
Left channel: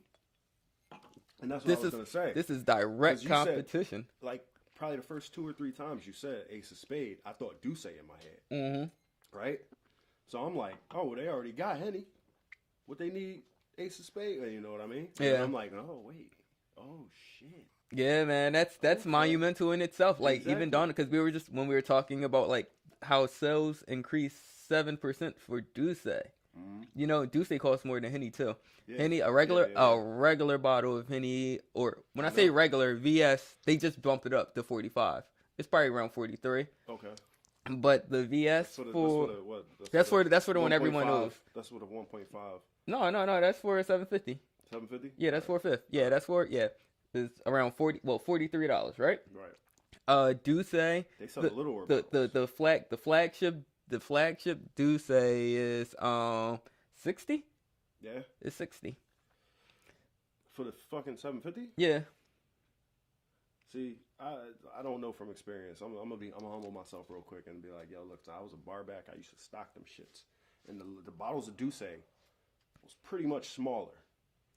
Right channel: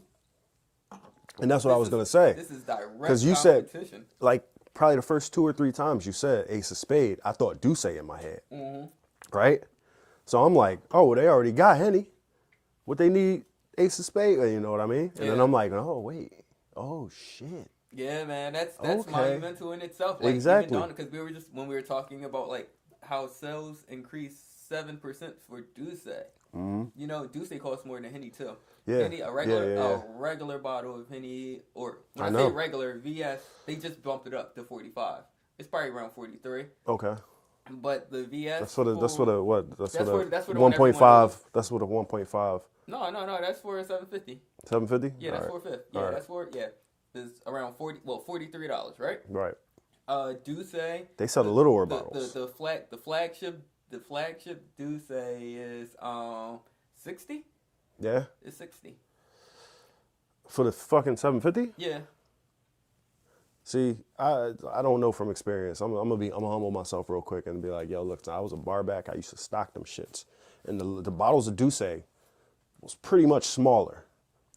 And that's what I was going to say. This is direct competition. Because you said, probably the first 2 or 3 times you said Ace of Spade, I thought Douce in my head, right? So I'm like, oh, they already got Henny. What they need, Ace of Spade, you know what I mean? And then I'm like, oh, wait, oh, shit. Yeah, man, that's Okay. monumental in itself. Like Exactly. even Donna, because when we were talking about like how sales increased 7% for Douce. You know, Douce costs more than Henny too. Yeah. Henny, a regular bottle of Henny, or when I say regular, VS, they just bumped it up to 45. It's probably around 43. Okay. But the VS, That's for the what? That's for the 1.5. That's for the 1.5. No, that's for 750. 750. Yeah, that's All right. 450. Yeah, that's for It's around $43, right? Right. Douce. They sell the littler bottles. The flagship Douce is 60. Yeah. It's 60. For the fucking 750. Yeah. See, I don't know from experience. I'm gonna humble myself real quick and be like, yo, look, I was a bar back. I used to stock them shits, and the bottles of Douce was pretty much smaller.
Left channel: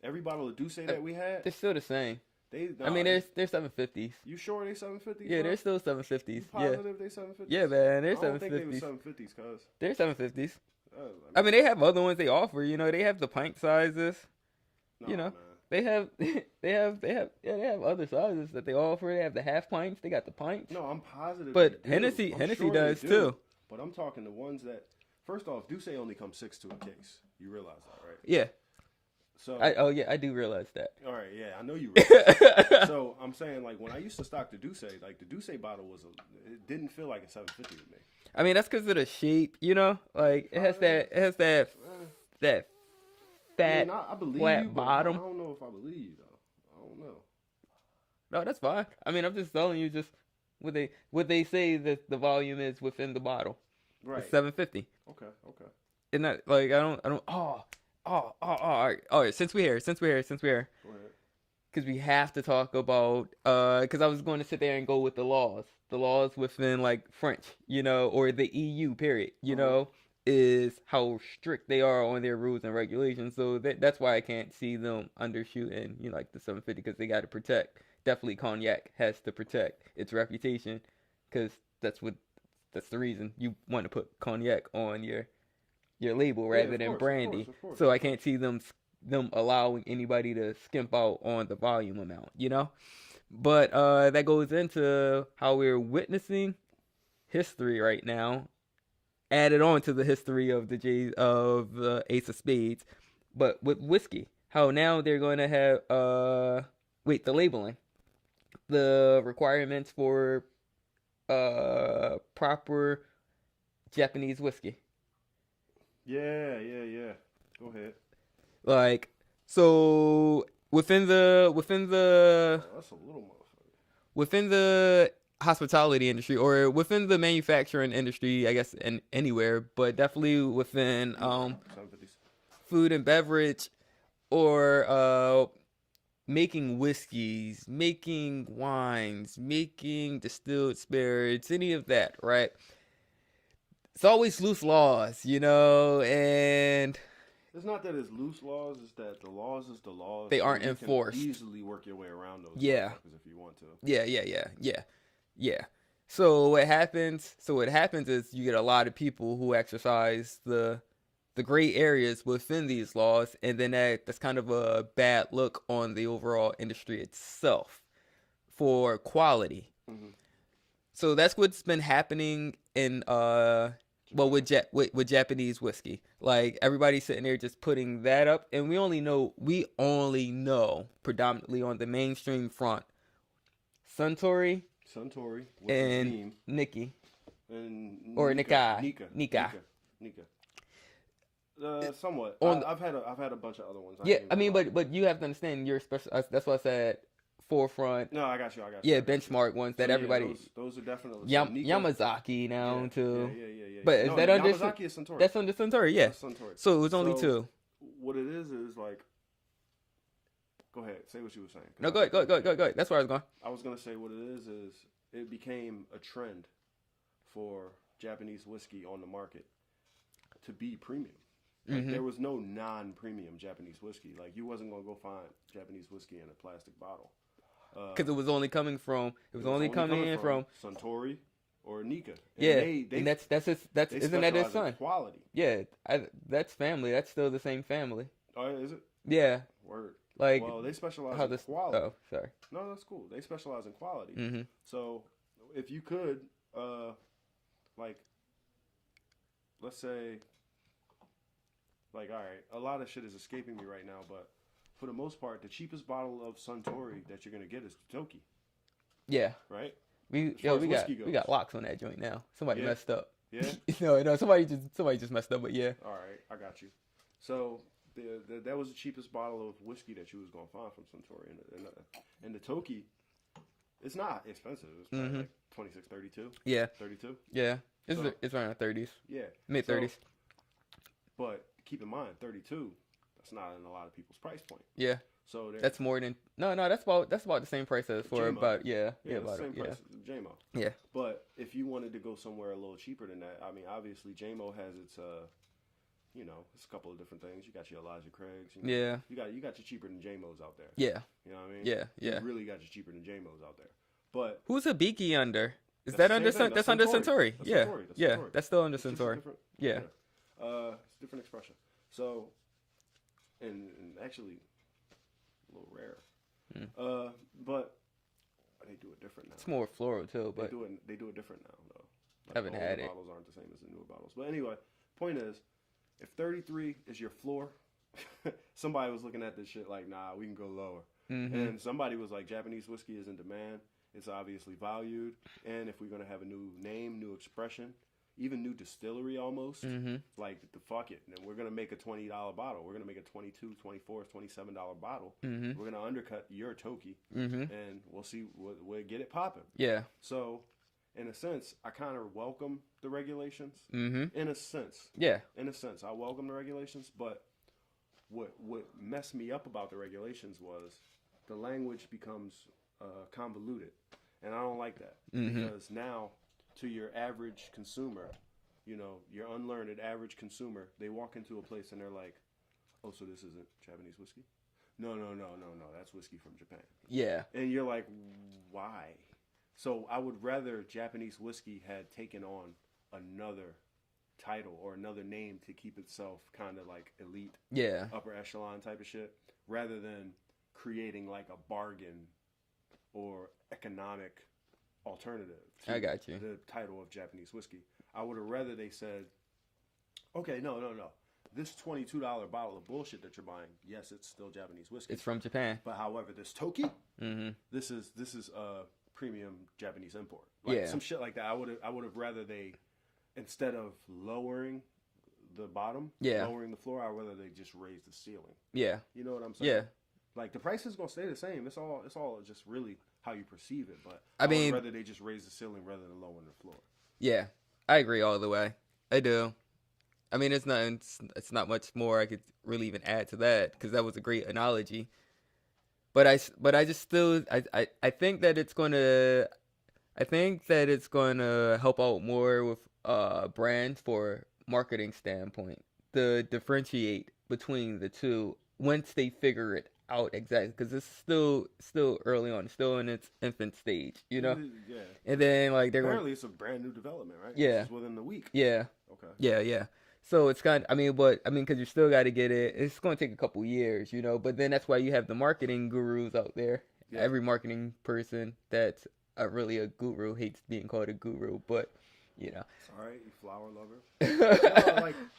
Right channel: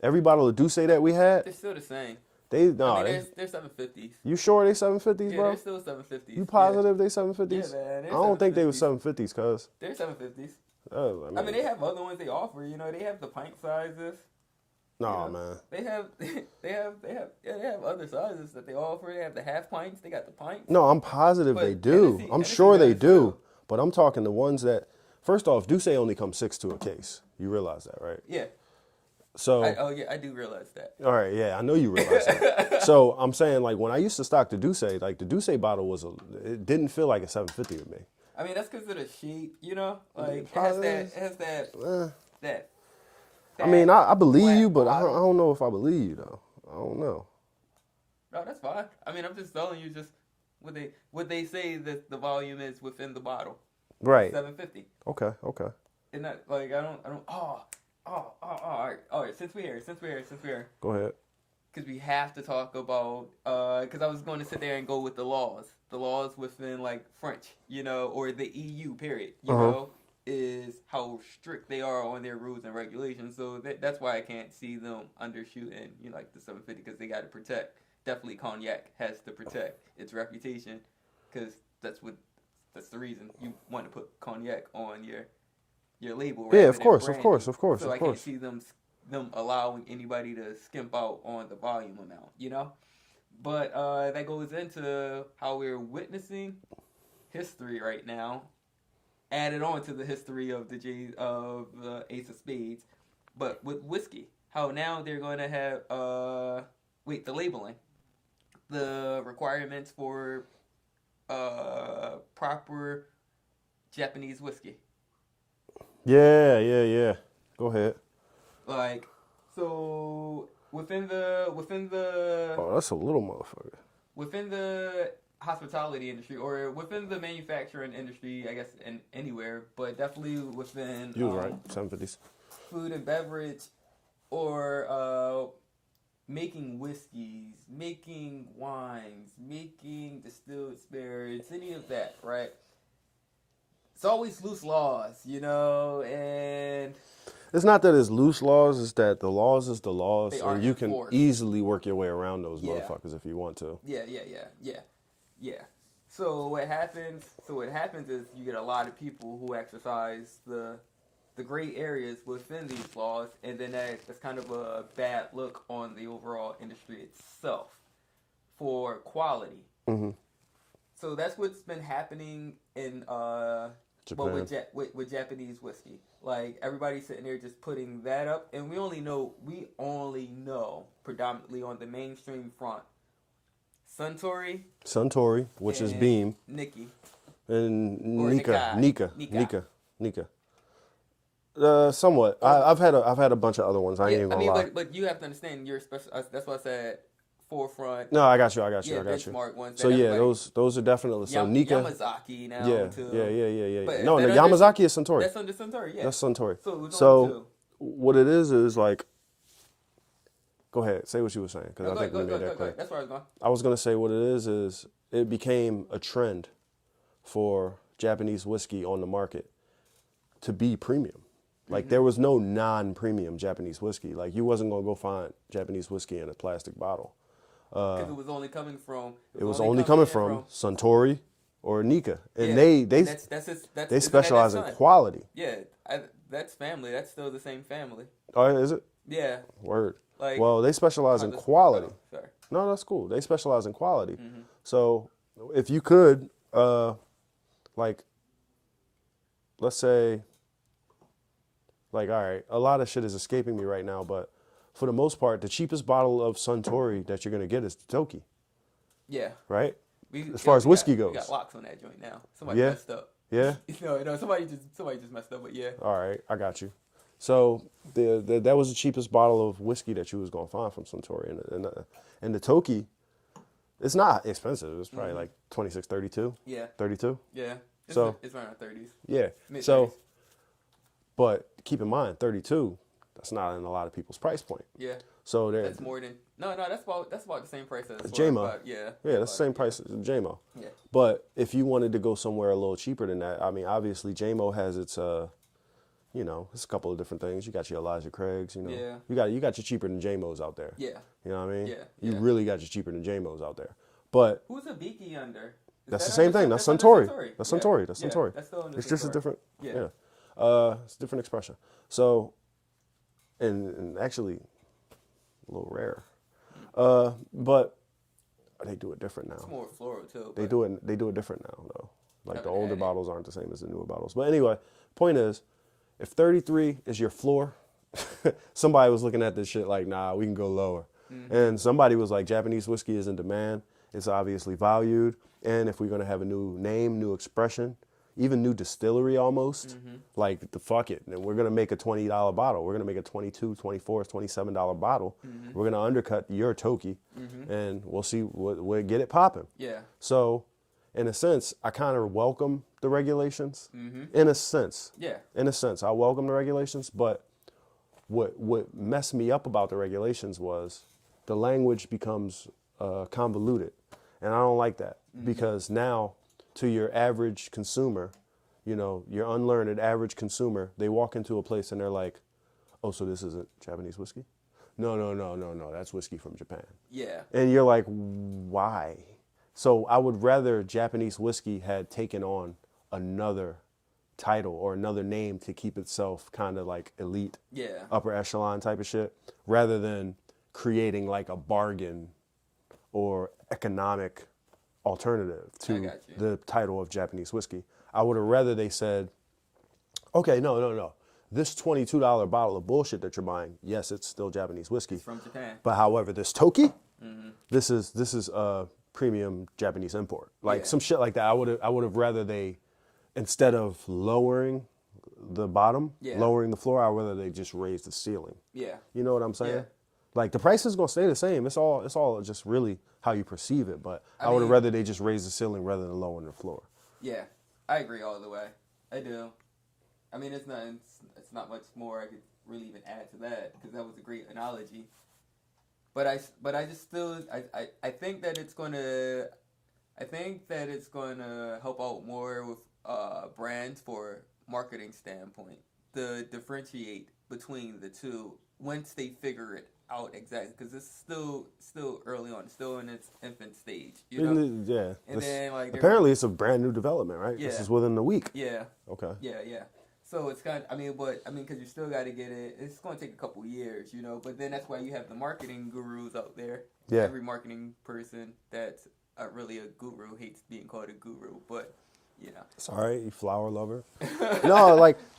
Every bottle of Douce that we had, They're still the same. they're 750s. You sure they 750s, Yeah, bro? they're still 750s. You positive they 750s? Yeah, man. I don't think they were 750s, cuz. They're 750s. I mean, they have other ones they offer. You know, they have the pint sizes. No, you know, man. They have other sizes that they offer. They have the half pints. They got the pints. No, I'm positive But they do. I'm Hennessy sure they does, do. too. But I'm talking the ones that, first off, Douce only comes 6 to a case. You realize that, right? Yeah. So. I do realize that. All right, yeah, I know you realize that. So I'm saying, like, when I used to stock the Douce, like, the Douce bottle it didn't feel like a 750 to me. I mean, that's because of the shape, you know? Like, it has that. I mean, I believe you, but I bottom. don't know if I believe you, though. I don't know. No, that's fine. I mean, I'm just telling you just what they say that the volume is within the bottle. Right. 750. Okay. And that, like, I don't. All right. Since we're here. Go ahead. Because we have to talk about, because I was going to sit there and go with the laws within, like, French, you know, or the EU, period, you know, is how strict they are on their rules and regulations. So that's why I can't see them undershooting, you know, like the 750, because they got to protect. Definitely Cognac has to protect its reputation, because that's the reason you want to put Cognac on your label rather than brandy. Of course. So I can't see them allowing anybody to skimp out on the volume amount, you know? But that goes into how we're witnessing history right now, added on to the history of the Ace of Spades, but with whiskey. How now they're going to have the labeling, the requirements for proper Japanese whiskey. Yeah. Go ahead. Like, so within the Oh, that's a little motherfucker. Within the hospitality industry, or within the manufacturing industry, I guess, and anywhere, but definitely within 750s. Food and beverage, or making whiskeys, making wines, making distilled spirits, any of that, right? It's always loose laws, you know, and it's not that it's loose laws, it's that the laws is the laws. They aren't you enforced. can easily work your way around those motherfuckers if you want to. Yeah. So what happens is you get a lot of people who exercise the gray areas within these laws, and then that's kind of a bad look on the overall industry itself for quality. Mm-hmm. So that's what's been happening in with Japanese whiskey. Like, everybody's sitting there just putting that up, and we only know predominantly on the mainstream front Suntory, which is Beam, Nikki, and or Nika. Somewhat. I've had a bunch of other ones. I ain't even gonna lie. But you have to understand, you're special. That's why I said forefront. No, I got you. Yeah, benchmark ones. So yeah, those are definitely Nika. Yamazaki now too. Yeah. But no, the Yamazaki is Suntory. That's under Suntory. Yeah, that's Suntory. So it's only two. What it is like. Go ahead. Say what you were saying. No, go ahead. That's where I was going. I was gonna say what it is it became a trend for Japanese whiskey on the market to be premium. Like, there was no non-premium Japanese whiskey. Like, you wasn't gonna go find Japanese whiskey in a plastic bottle. Because it was only coming from. It was only coming from Suntory or Nika, and yeah, they and that's they specialize in quality. Yeah, that's family. That's still the same family. Oh, is it? Yeah. Word. Like, well, they specialize in quality. Oh, sorry. No, that's cool. They specialize in quality. Mm-hmm. So if you could, like, let's say, like, all right, a lot of shit is escaping me right now, but for the most part, the cheapest bottle of Suntory that you're gonna get is the Toki. Yeah. Right. As far as whiskey goes, we got locks on that joint now. Somebody Yeah. messed up. Yeah. No, somebody just messed up. But yeah. All right, I got you. So that was the cheapest bottle of whiskey that you was gonna find from Suntory, and the Toki, it's not expensive. It's probably like 26, 32. Yeah. 32. Yeah. It's around 30s. Yeah. Mid 30s. So, but keep in mind, 32. That's not in a lot of people's price point. Yeah. So that's more than that's about the same price as JMO. Yeah. Yeah, that's the same price as JMO. Yeah. But if you wanted to go somewhere a little cheaper than that, I mean, obviously JMO has its you know, it's a couple of different things. You got your Elijah Craigs, you know. Yeah. You got your cheaper than JMOs out there. Yeah. You know what I mean? Yeah. You really got your cheaper than JMOs out there. But who's a Beaky under? That's the same thing. That's Suntory. That's Suntory. That's Suntory. That's still under Suntory. It's just a different. Yeah. It's a different expression. So, and actually, a little rare. But they do it different now. It's more floral too. They do it different now though. Like the older had it. bottles aren't the same as the newer bottles. But anyway, point is, if 33 is your floor, somebody was looking at this shit like, nah, we can go lower. And somebody was like, Japanese whiskey is in demand. It's obviously valued. And if we're going to have a new name, new expression, even new distillery almost, like the fuck it. And we're going to make a $20 bottle. We're going to make a $22, $24, $27 bottle. We're going to undercut your Toki and we'll see we'll get it popping. Yeah. So in a sense, I kind of welcome the regulations. In a sense. Yeah. In a sense, I welcome the regulations, but what messed me up about the regulations was the language becomes convoluted, and I don't like that because now to your average consumer, you know, your unlearned average consumer, they walk into a place and they're like, oh, so this isn't Japanese whiskey? No, that's whiskey from Japan. Yeah. And you're like, why? So I would rather Japanese whiskey had taken on another title or another name to keep itself kind of like elite, upper echelon type of shit, rather than creating like a bargain or economic alternative to the title of Japanese whiskey. I would have rather they said, okay, no. This $22 bottle of bullshit that you're buying, yes, it's still Japanese whiskey. It's from Japan. But however, this Toki, this is a premium Japanese import. Like some shit like that. I would have rather they, instead of lowering the bottom, lowering the floor, I would rather they just raise the ceiling. Yeah. You know what I'm saying? Yeah. Like the price is gonna stay the same. It's all just really how you perceive it. But I would rather they just raise the ceiling rather than lowering the floor. Yeah, I agree all the way. I do. I mean, it's not much more I could really even add to that because that was a great analogy. But I just still I think that it's gonna help out more with brands for marketing standpoint to differentiate between the two once they figure it out exactly because it's still early on, still in its infant stage, you know. Yeah. And then like apparently it's a brand new development, right? Yeah. This is within the week. Yeah. Okay. Yeah. So it's kind of, because you still got to get it. It's going to take a couple years, you know. But then that's why you have the marketing gurus out there. Yeah. Every marketing person that's really a guru hates being called a guru, but you know. It's all right, you flower lover.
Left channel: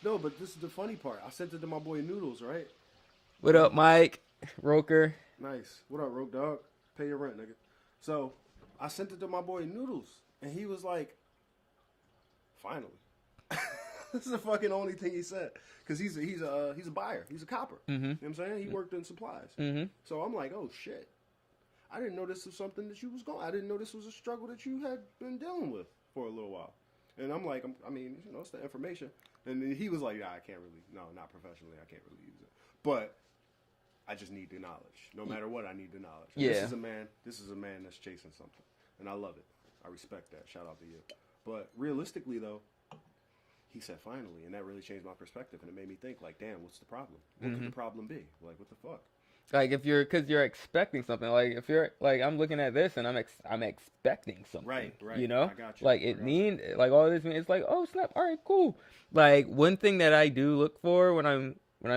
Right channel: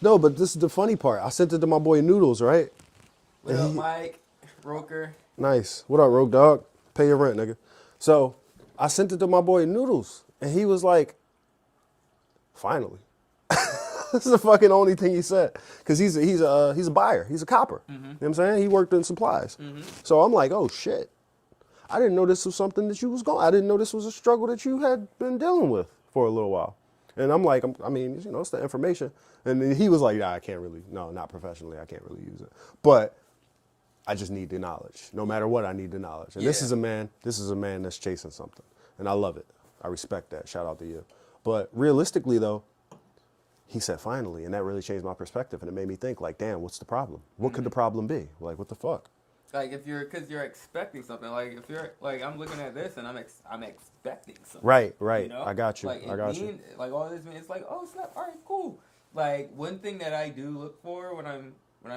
No, but this is the funny part. I sent it to my boy Noodles, right? What up, Mike? Roker. Nice. What up, Rogue Dog? Pay your rent, nigga. So I sent it to my boy Noodles, and he was like, finally. This is the fucking only thing he said. Because he's a buyer. He's a copper. You know what I'm saying? He worked in supplies. So I'm like, oh, shit. I didn't know this was something that you was going. I didn't know this was a struggle that you had been dealing with for a little while. And I'm like, it's the information. And then he was like, nah, not professionally. I can't really use it. But I just need the knowledge. No matter what, I need the knowledge. And this is a man that's chasing something. And I love it. I respect that. Shout out to you. But realistically, though, he said finally, and that really changed my perspective. And it made me think, like, damn, what's the problem? What could the problem be? Like, what the fuck? Like if you're, cause you're expecting something. Like if you're, like I'm looking at this and I'm expecting something. Right, right. You know, I got you. Like I got you. like all this means, it's like, oh snap, all right, cool. Like one thing that I do look for when I'm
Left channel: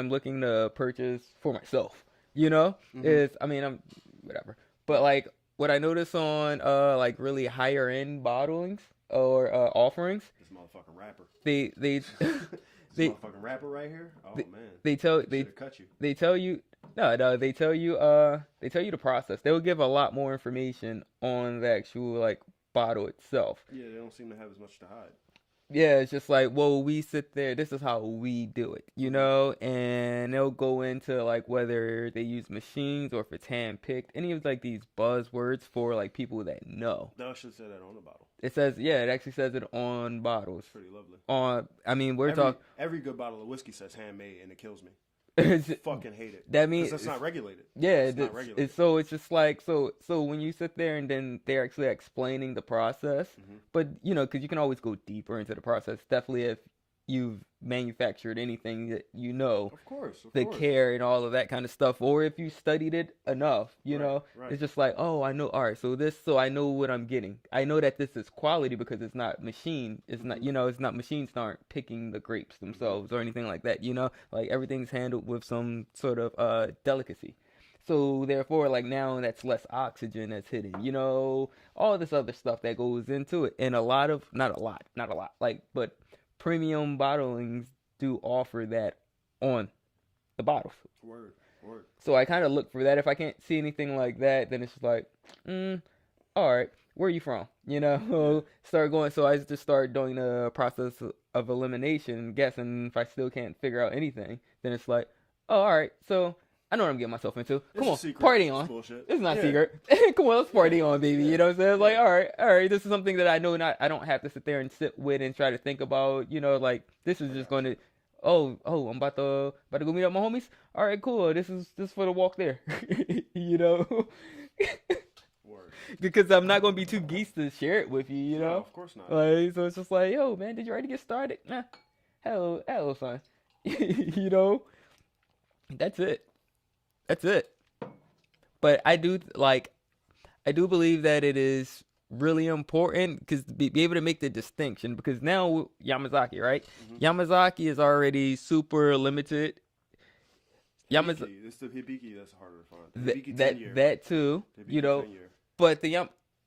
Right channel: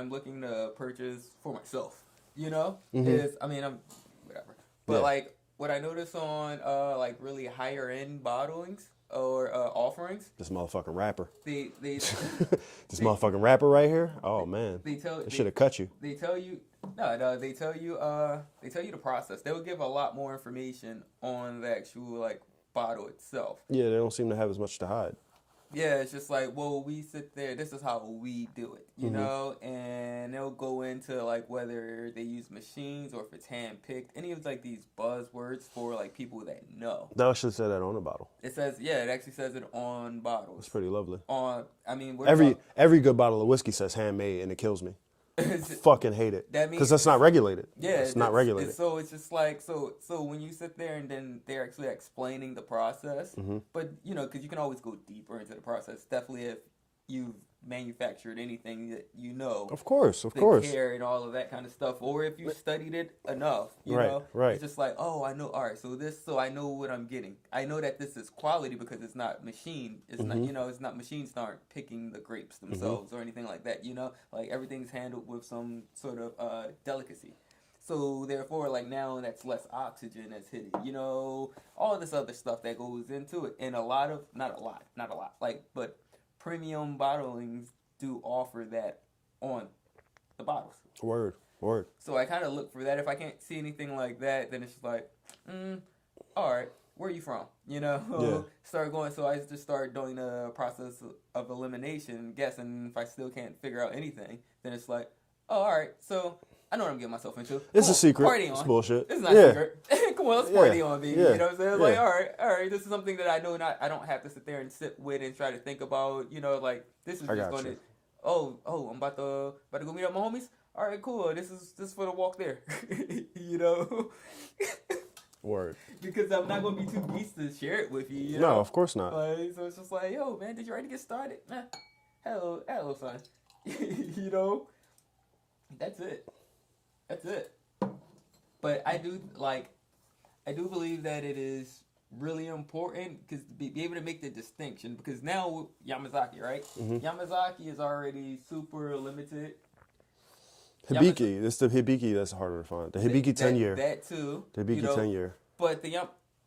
looking to purchase for myself, is, I mean, I'm whatever, but Yeah. like what I notice on like really higher end bottlings or offerings, This motherfucking rapper. they This they, motherfucking rapper right here. Oh man, they tell I should have cut you. they tell you they tell you the process. They will give a lot more information on the actual like bottle itself. Yeah, they don't seem to have as much to hide. Yeah, it's just like, well, we sit there, this is how we do it, and they'll go into like whether they use machines or if it's hand picked, any of like these buzzwords for like people that know. They should have said that on the bottle. It says, yeah, it actually says it on bottles. It's pretty lovely. I mean, Every good bottle of whiskey says handmade, and it kills me. Fucking hate it. That means because that's not regulated. Yeah, it's not regulated. So it's just like so when you sit there and then they're actually explaining the process, but because you can always go deeper into the process. Definitely if you've manufactured anything that Of course, the care and all of that kind of stuff, or if you studied it enough, right. It's just like, oh, I know. All right, so I know what I'm getting. I know that this is quality because it's not machine. It's not, it's not machines aren't picking the grapes themselves or anything like that. Like everything's handled with some sort of delicacy. So therefore, like now that's less oxygen that's hitting. All this other stuff that goes into it, and not a lot, but premium bottlings do offer that on the bottles. Word. So I kind of look for that. If I can't see anything like that, then it's just like, all right, where are you from? Yeah. Start going. So I just start doing the process of elimination, guessing. If I still can't figure out anything, then it's like, oh, all right, so I know what I'm getting myself into. It's a secret. Party on. It's bullshit. It's not a secret. Come on, let's party on, baby. Yeah. You know what I'm saying? Like, Yeah. all right, this is something that I know I don't have to sit there and sit with and try to think about. Like this is just going to, I'm about to go meet up my homies. All right, cool. This is for the walk there. Word. Because I'm not going to be too geese to share it with you. No, of course not. Like, so it's just like, yo, man, did you already get started? Nah. Hello, son. That's it. But I do believe that it is really important because be able to make the distinction, because now Yamazaki, right? Yamazaki is already super limited. Hibiki, it's the Hibiki that's harder to find. The Hibiki 10 year. That too. The Hibiki 10 year. But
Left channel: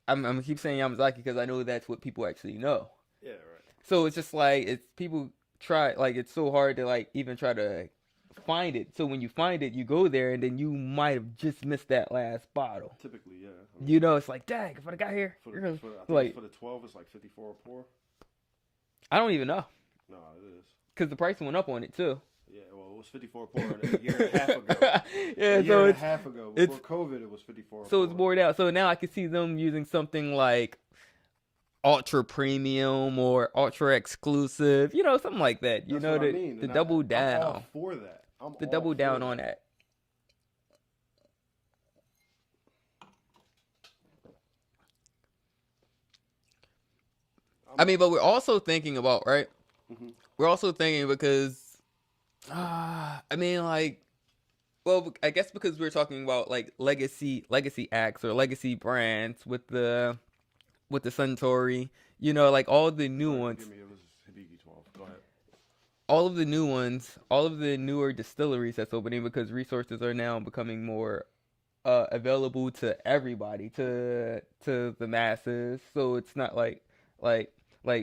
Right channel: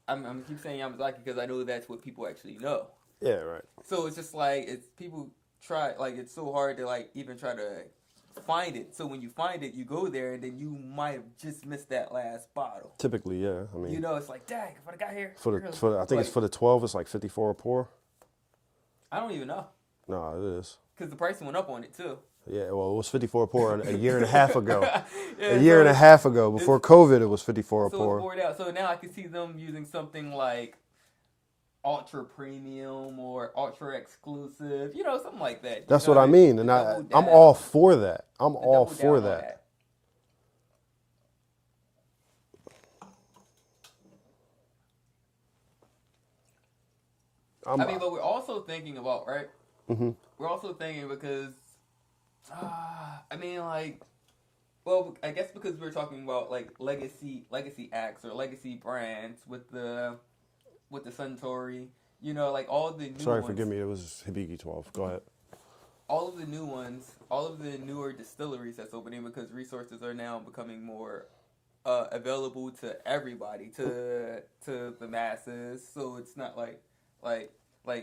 I'm gonna keep saying Yamazaki because I know that's what people actually know. Yeah, right. So it's just like people try, like it's so hard to like even try to find it. So when you find it, you go there and then you might have just missed that last bottle. Typically, yeah. I mean, it's like, dang, if I got here. I think it's for the 12, it's like 54 a pour. I don't even know. No, it is. Because the price went up on it too. Yeah, well, it was 54 a pour a year and a half ago. Yeah, a year and a half ago. Before COVID, it was 54 a so pour. it's bored out. So now I can see them using something like ultra premium or ultra exclusive, something like that. That's what I mean. And I'm all for that. I'm all for that. But we're also thinking about, right? We're also thinking because, I guess because we're talking about like legacy acts or legacy brands with the Suntory, like all the new ones. Forgive me, it was Hibiki 12. Go ahead. All of the new ones, all of the newer distilleries that's opening because resources are now becoming more available to everybody, to the masses. So it's not like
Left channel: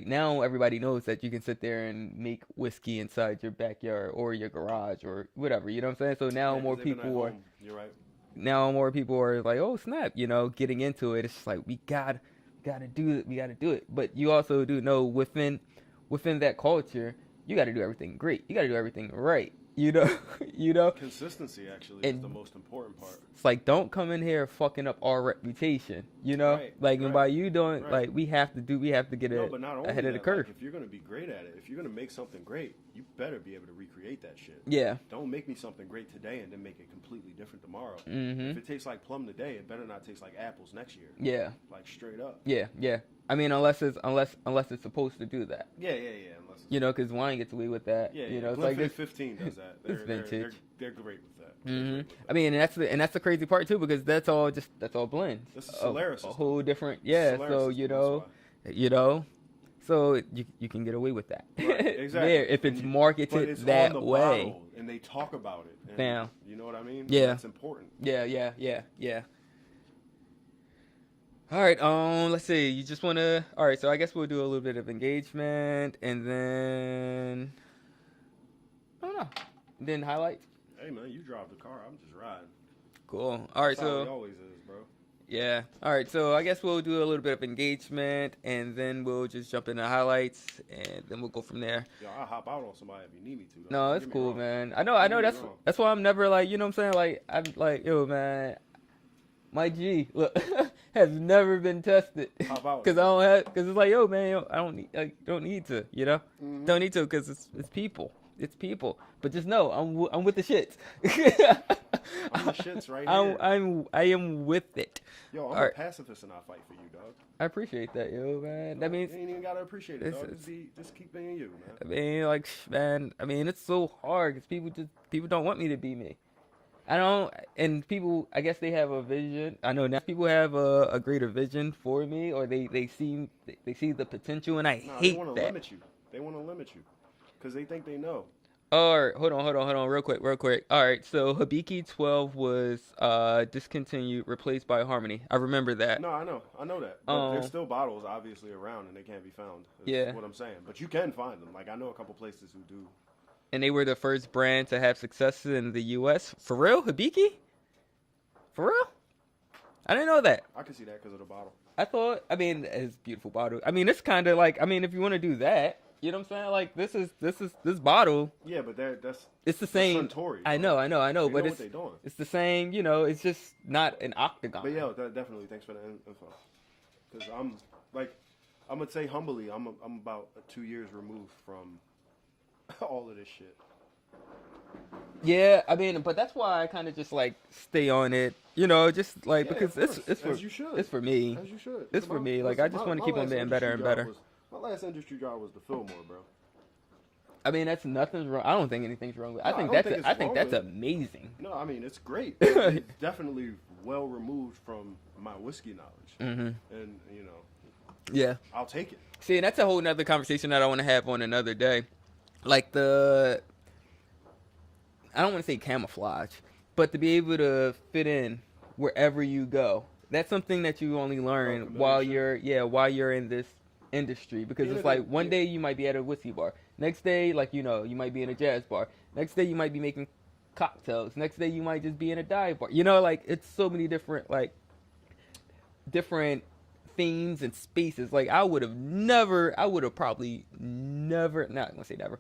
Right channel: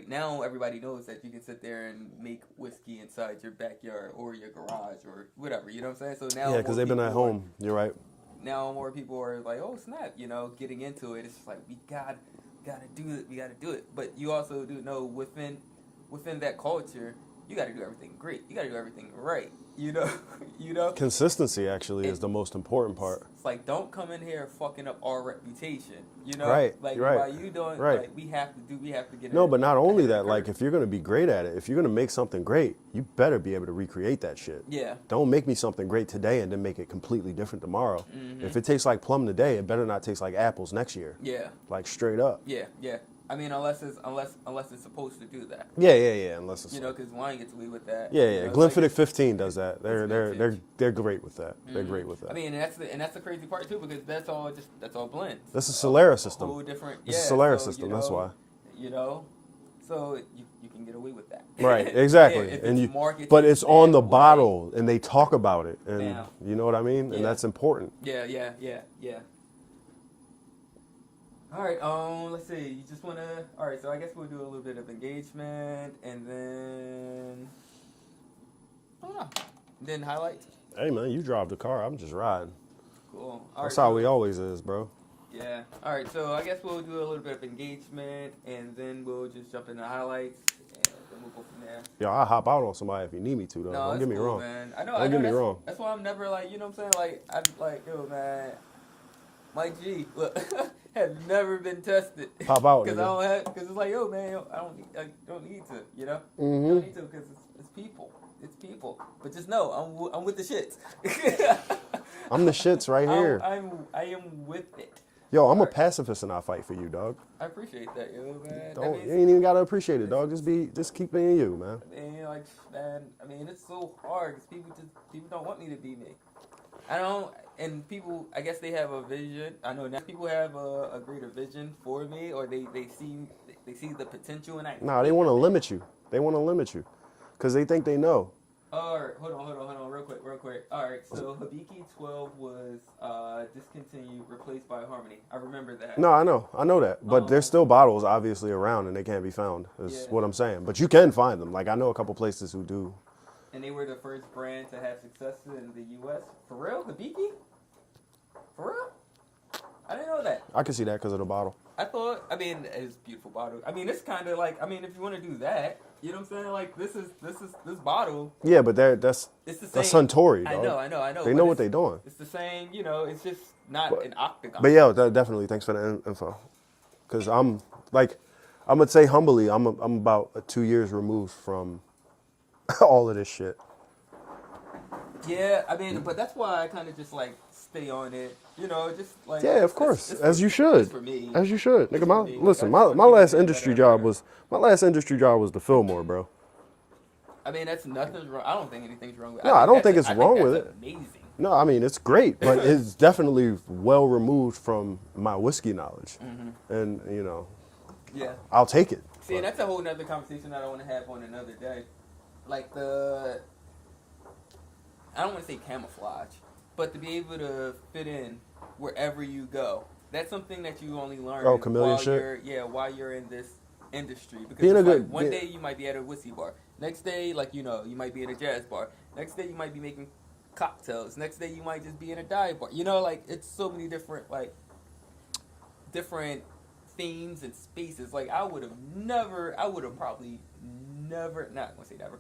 now everybody knows that you can sit there and make whiskey inside your backyard or your garage or whatever. You know what I'm saying? So now because they've been at home. You're right. Now more people are like, oh snap, getting into it. It's just like we gotta do it. We gotta do it. But you also do know within that culture, you gotta do everything great. You gotta do everything right. Consistency actually is the most important part. It's like, don't come in here fucking up our reputation. Right. Like right. by you doing, right. like we have to get it. No, but not only that, like if you're gonna be great at it, if you're gonna make something great, you better be able to recreate that shit. Yeah. Don't make me something great today and then make it completely different tomorrow. If it tastes like plum today, it better not taste like apples next year. Yeah. Like straight up. Yeah. I mean, unless it's supposed to do that. Yeah. Unless it's, You know, because wine gets away with that. yeah. You know, it's Glenfiddich like 15 does that. vintage. They're great with that. They're great with that. I mean, and that's the crazy part too, because that's all blends. That's a Solera A system. whole different, It's yeah. a Solera so, system. you know, That's why. You know, so you can get away with that. Right, exactly. Yeah, if And it's marketed, but it's on the that way. bottle, and they talk about it, and Bam. you know what I mean. Yeah. And that's important. Yeah. All right, let's see. You just want to. All right, so I guess we'll do a little bit of engagement, and then I don't know. Then highlights. Hey man, you drive the car. I'm just riding. Cool. All right. That's how we always is, bro. Yeah. All right. So I guess we'll do a little bit of engagement, and then we'll just jump into highlights, and then we'll go from there. Yo, I'll hop out on somebody if you need me to, though. No, Don't it's get me cool, wrong. man. Don't I know. get me wrong. That's why I'm never like, you know what I'm saying? Like I'm like, yo, man, my G look, has never been tested. Pop out, because I nigga. don't have. Because it's like, yo, man, I don't need to. You know, don't need to because it's people. It's people. But just know, I'm with the shits. I'm the shits right here. I am with it. Yo, I'm All a right. pacifist and I fight for you, dog. I appreciate that, yo, man. Don't, That means, you ain't even gotta appreciate it, dog. It's- Just keep being you, man. I mean, like, man, I mean, it's so hard because people don't want me to be me. I don't, and people, I guess they have a vision. I know now people have a greater vision for me, or they see the potential, and I Nah, hate they want to that. limit you. They want to limit you because they think they know. All right, hold on, real quick. All right, so Hibiki 12 was discontinued, replaced by Harmony. I remember that. No, I know that. But Oh. there's still bottles obviously around and they can't be found. Is Yeah. what I'm saying. But you can find them. Like I know a couple places who do. And they were the first brand to have success in the U.S. For real, Hibiki? For real? I didn't know that. I can see that because of the bottle. I thought, I mean, it's a beautiful bottle. I mean, it's kind of like, I mean, if you want to do that, you know what I'm saying? Like, this bottle, Yeah, but that's it's the same. that's Suntory. I dog. know. They but know it's- what they're doing. It's the same, you know, it's just not an octagon. But yeah, definitely. Thanks for the info. Because I'm gonna say humbly, I'm about 2 years removed from all of this shit. Yeah, I mean, but that's why I kind of just like stay on it, you know, just like Yeah, of it's- course, it's as for- you should. It's for me. As you should. It's Nigga, for me. Like, I listen, just my wanna keep last it getting industry better and job better. was the Fillmore, bro. I mean, that's nothing's wrong. I don't think anything's wrong with it. No, I don't think that's it's wrong with that's it. amazing. No, I mean it's great, but it's definitely well removed from my whiskey knowledge, and you know, Yeah. I'll take it. See, and that's a whole nother conversation that I want to have on another day. Like I don't want to say camouflage, but to be able to fit in wherever you go. That's something that you only learn chameleon while shit? while you're in this industry. Because Being it's a like good- one yeah. day you might be at a whiskey bar. Next day, like, you know, you might be in a jazz bar. Next day you might be making cocktails. Next day you might just be in a dive bar. You know, like, it's so many different themes and spaces. Like, I would have probably never, not gonna say never,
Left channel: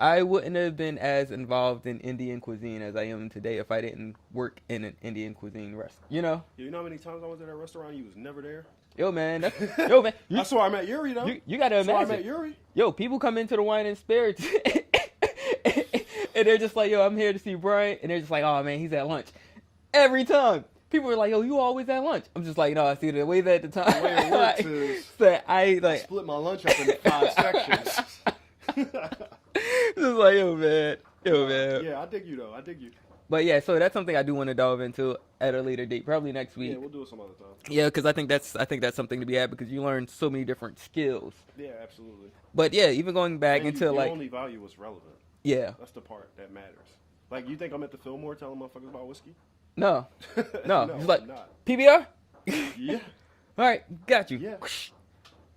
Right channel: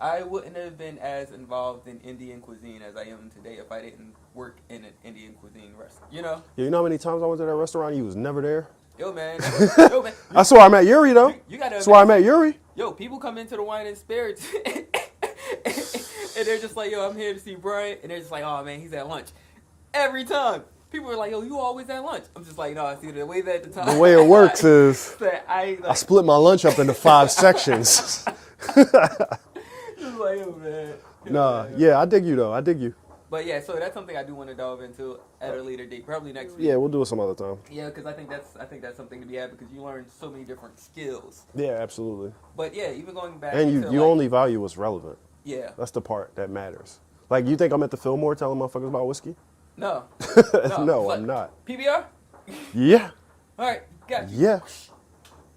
I wouldn't have been as involved in Indian cuisine as I am today if I didn't work in an Indian cuisine restaurant. You know? Yeah, you know how many times I went to that restaurant? You was never there. Yo, man. Yo, man. I swear I met Yuri though. You gotta That's where I met imagine. Yuri. Yo, people come into the wine and spirits and they're just like, yo, I'm here to see Brian. And they're just like, oh, man, he's at lunch. Every time. People are like, yo, you always at lunch. I'm just like, no, see, the way that the time. The way it works is that I I split my lunch up into 5 sections. just like, yo, man. Yo, Nah, man. yeah, I dig you though. I dig you. But yeah, so that's something I do want to delve into at a later date, probably next week. Yeah, we'll do it some other time. Yeah, because I think that's something to be had because you learn so many different skills. Yeah, absolutely. But yeah, even going back And into you like, only value what's relevant. yeah, That's the part that matters. Like, you think I'm at the Fillmore telling motherfuckers about whiskey? no, No, It's like, I'm not. PBR. Yeah. All right, got you. Yeah.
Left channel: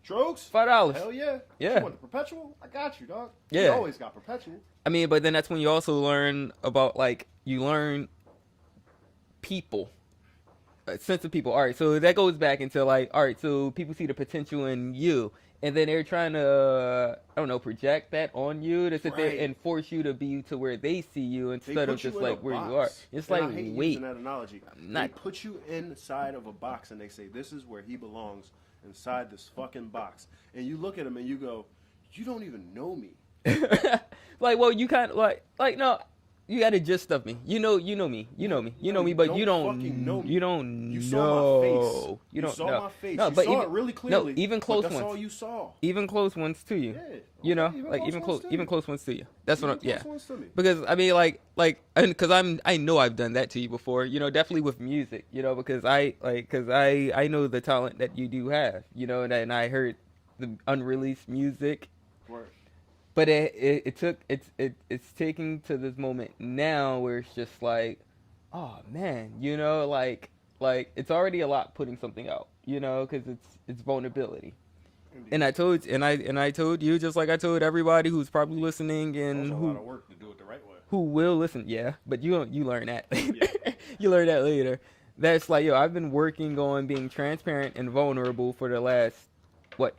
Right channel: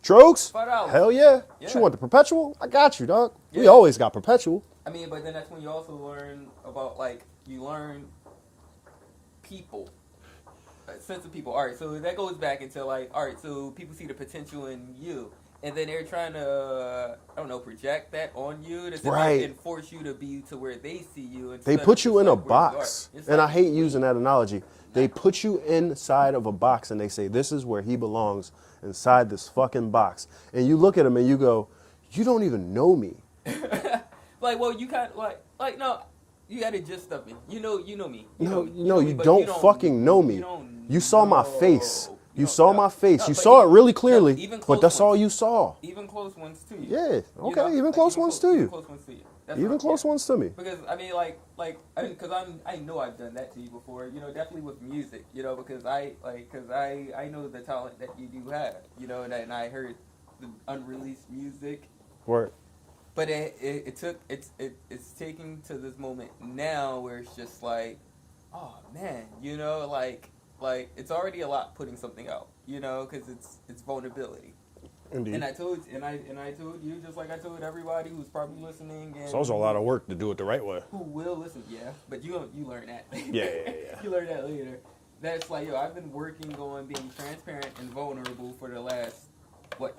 Strokes? $5. Hell yeah. Yeah. You want the perpetual? I got you, dog. We Yeah. always got perpetual. I mean, but then that's when you also learn about you learn people, a sense of people. All right, so that goes back into all right, so people see the potential in you, and then they're trying to, I don't know, project that on you to sit there Right. and force you to be to where they see you. They instead put of you just, in a like, where you are. box. It's And I like, hate wait, using that analogy. They Not- put you inside of a box and they say, this is where he belongs, inside this fucking box. And you look at him and you go, you don't even know me. Like, well, you kind of like no. You got a gist of me. You know me. You know me. You No, know me, you but don't you don't fucking know me. You don't. You saw my face. know. You don't- saw no. my face. No, You but saw even- it really no, clearly. even But close that's all ones. you saw. Even close ones to you. Yeah. Okay. You know? Even Like, close ones to Even you. close ones to you. That's Even what. close Yeah. ones to me. Because I mean, because I know I've done that to you before. You know, definitely with music. You know, because I know the talent that you do have. You know, and I heard the unreleased music. Word. But it's taking to this moment now where it's just like, oh man, you know, like it's already a lot putting something out, you know, because it's vulnerability. Indeed. And I told you, just like I told everybody who's probably listening and So it's a lot of work to do it the right way. who will listen. Yeah, but you learn that. Yeah. You learn that later. That's like, yo, I've been working on being transparent and vulnerable for the last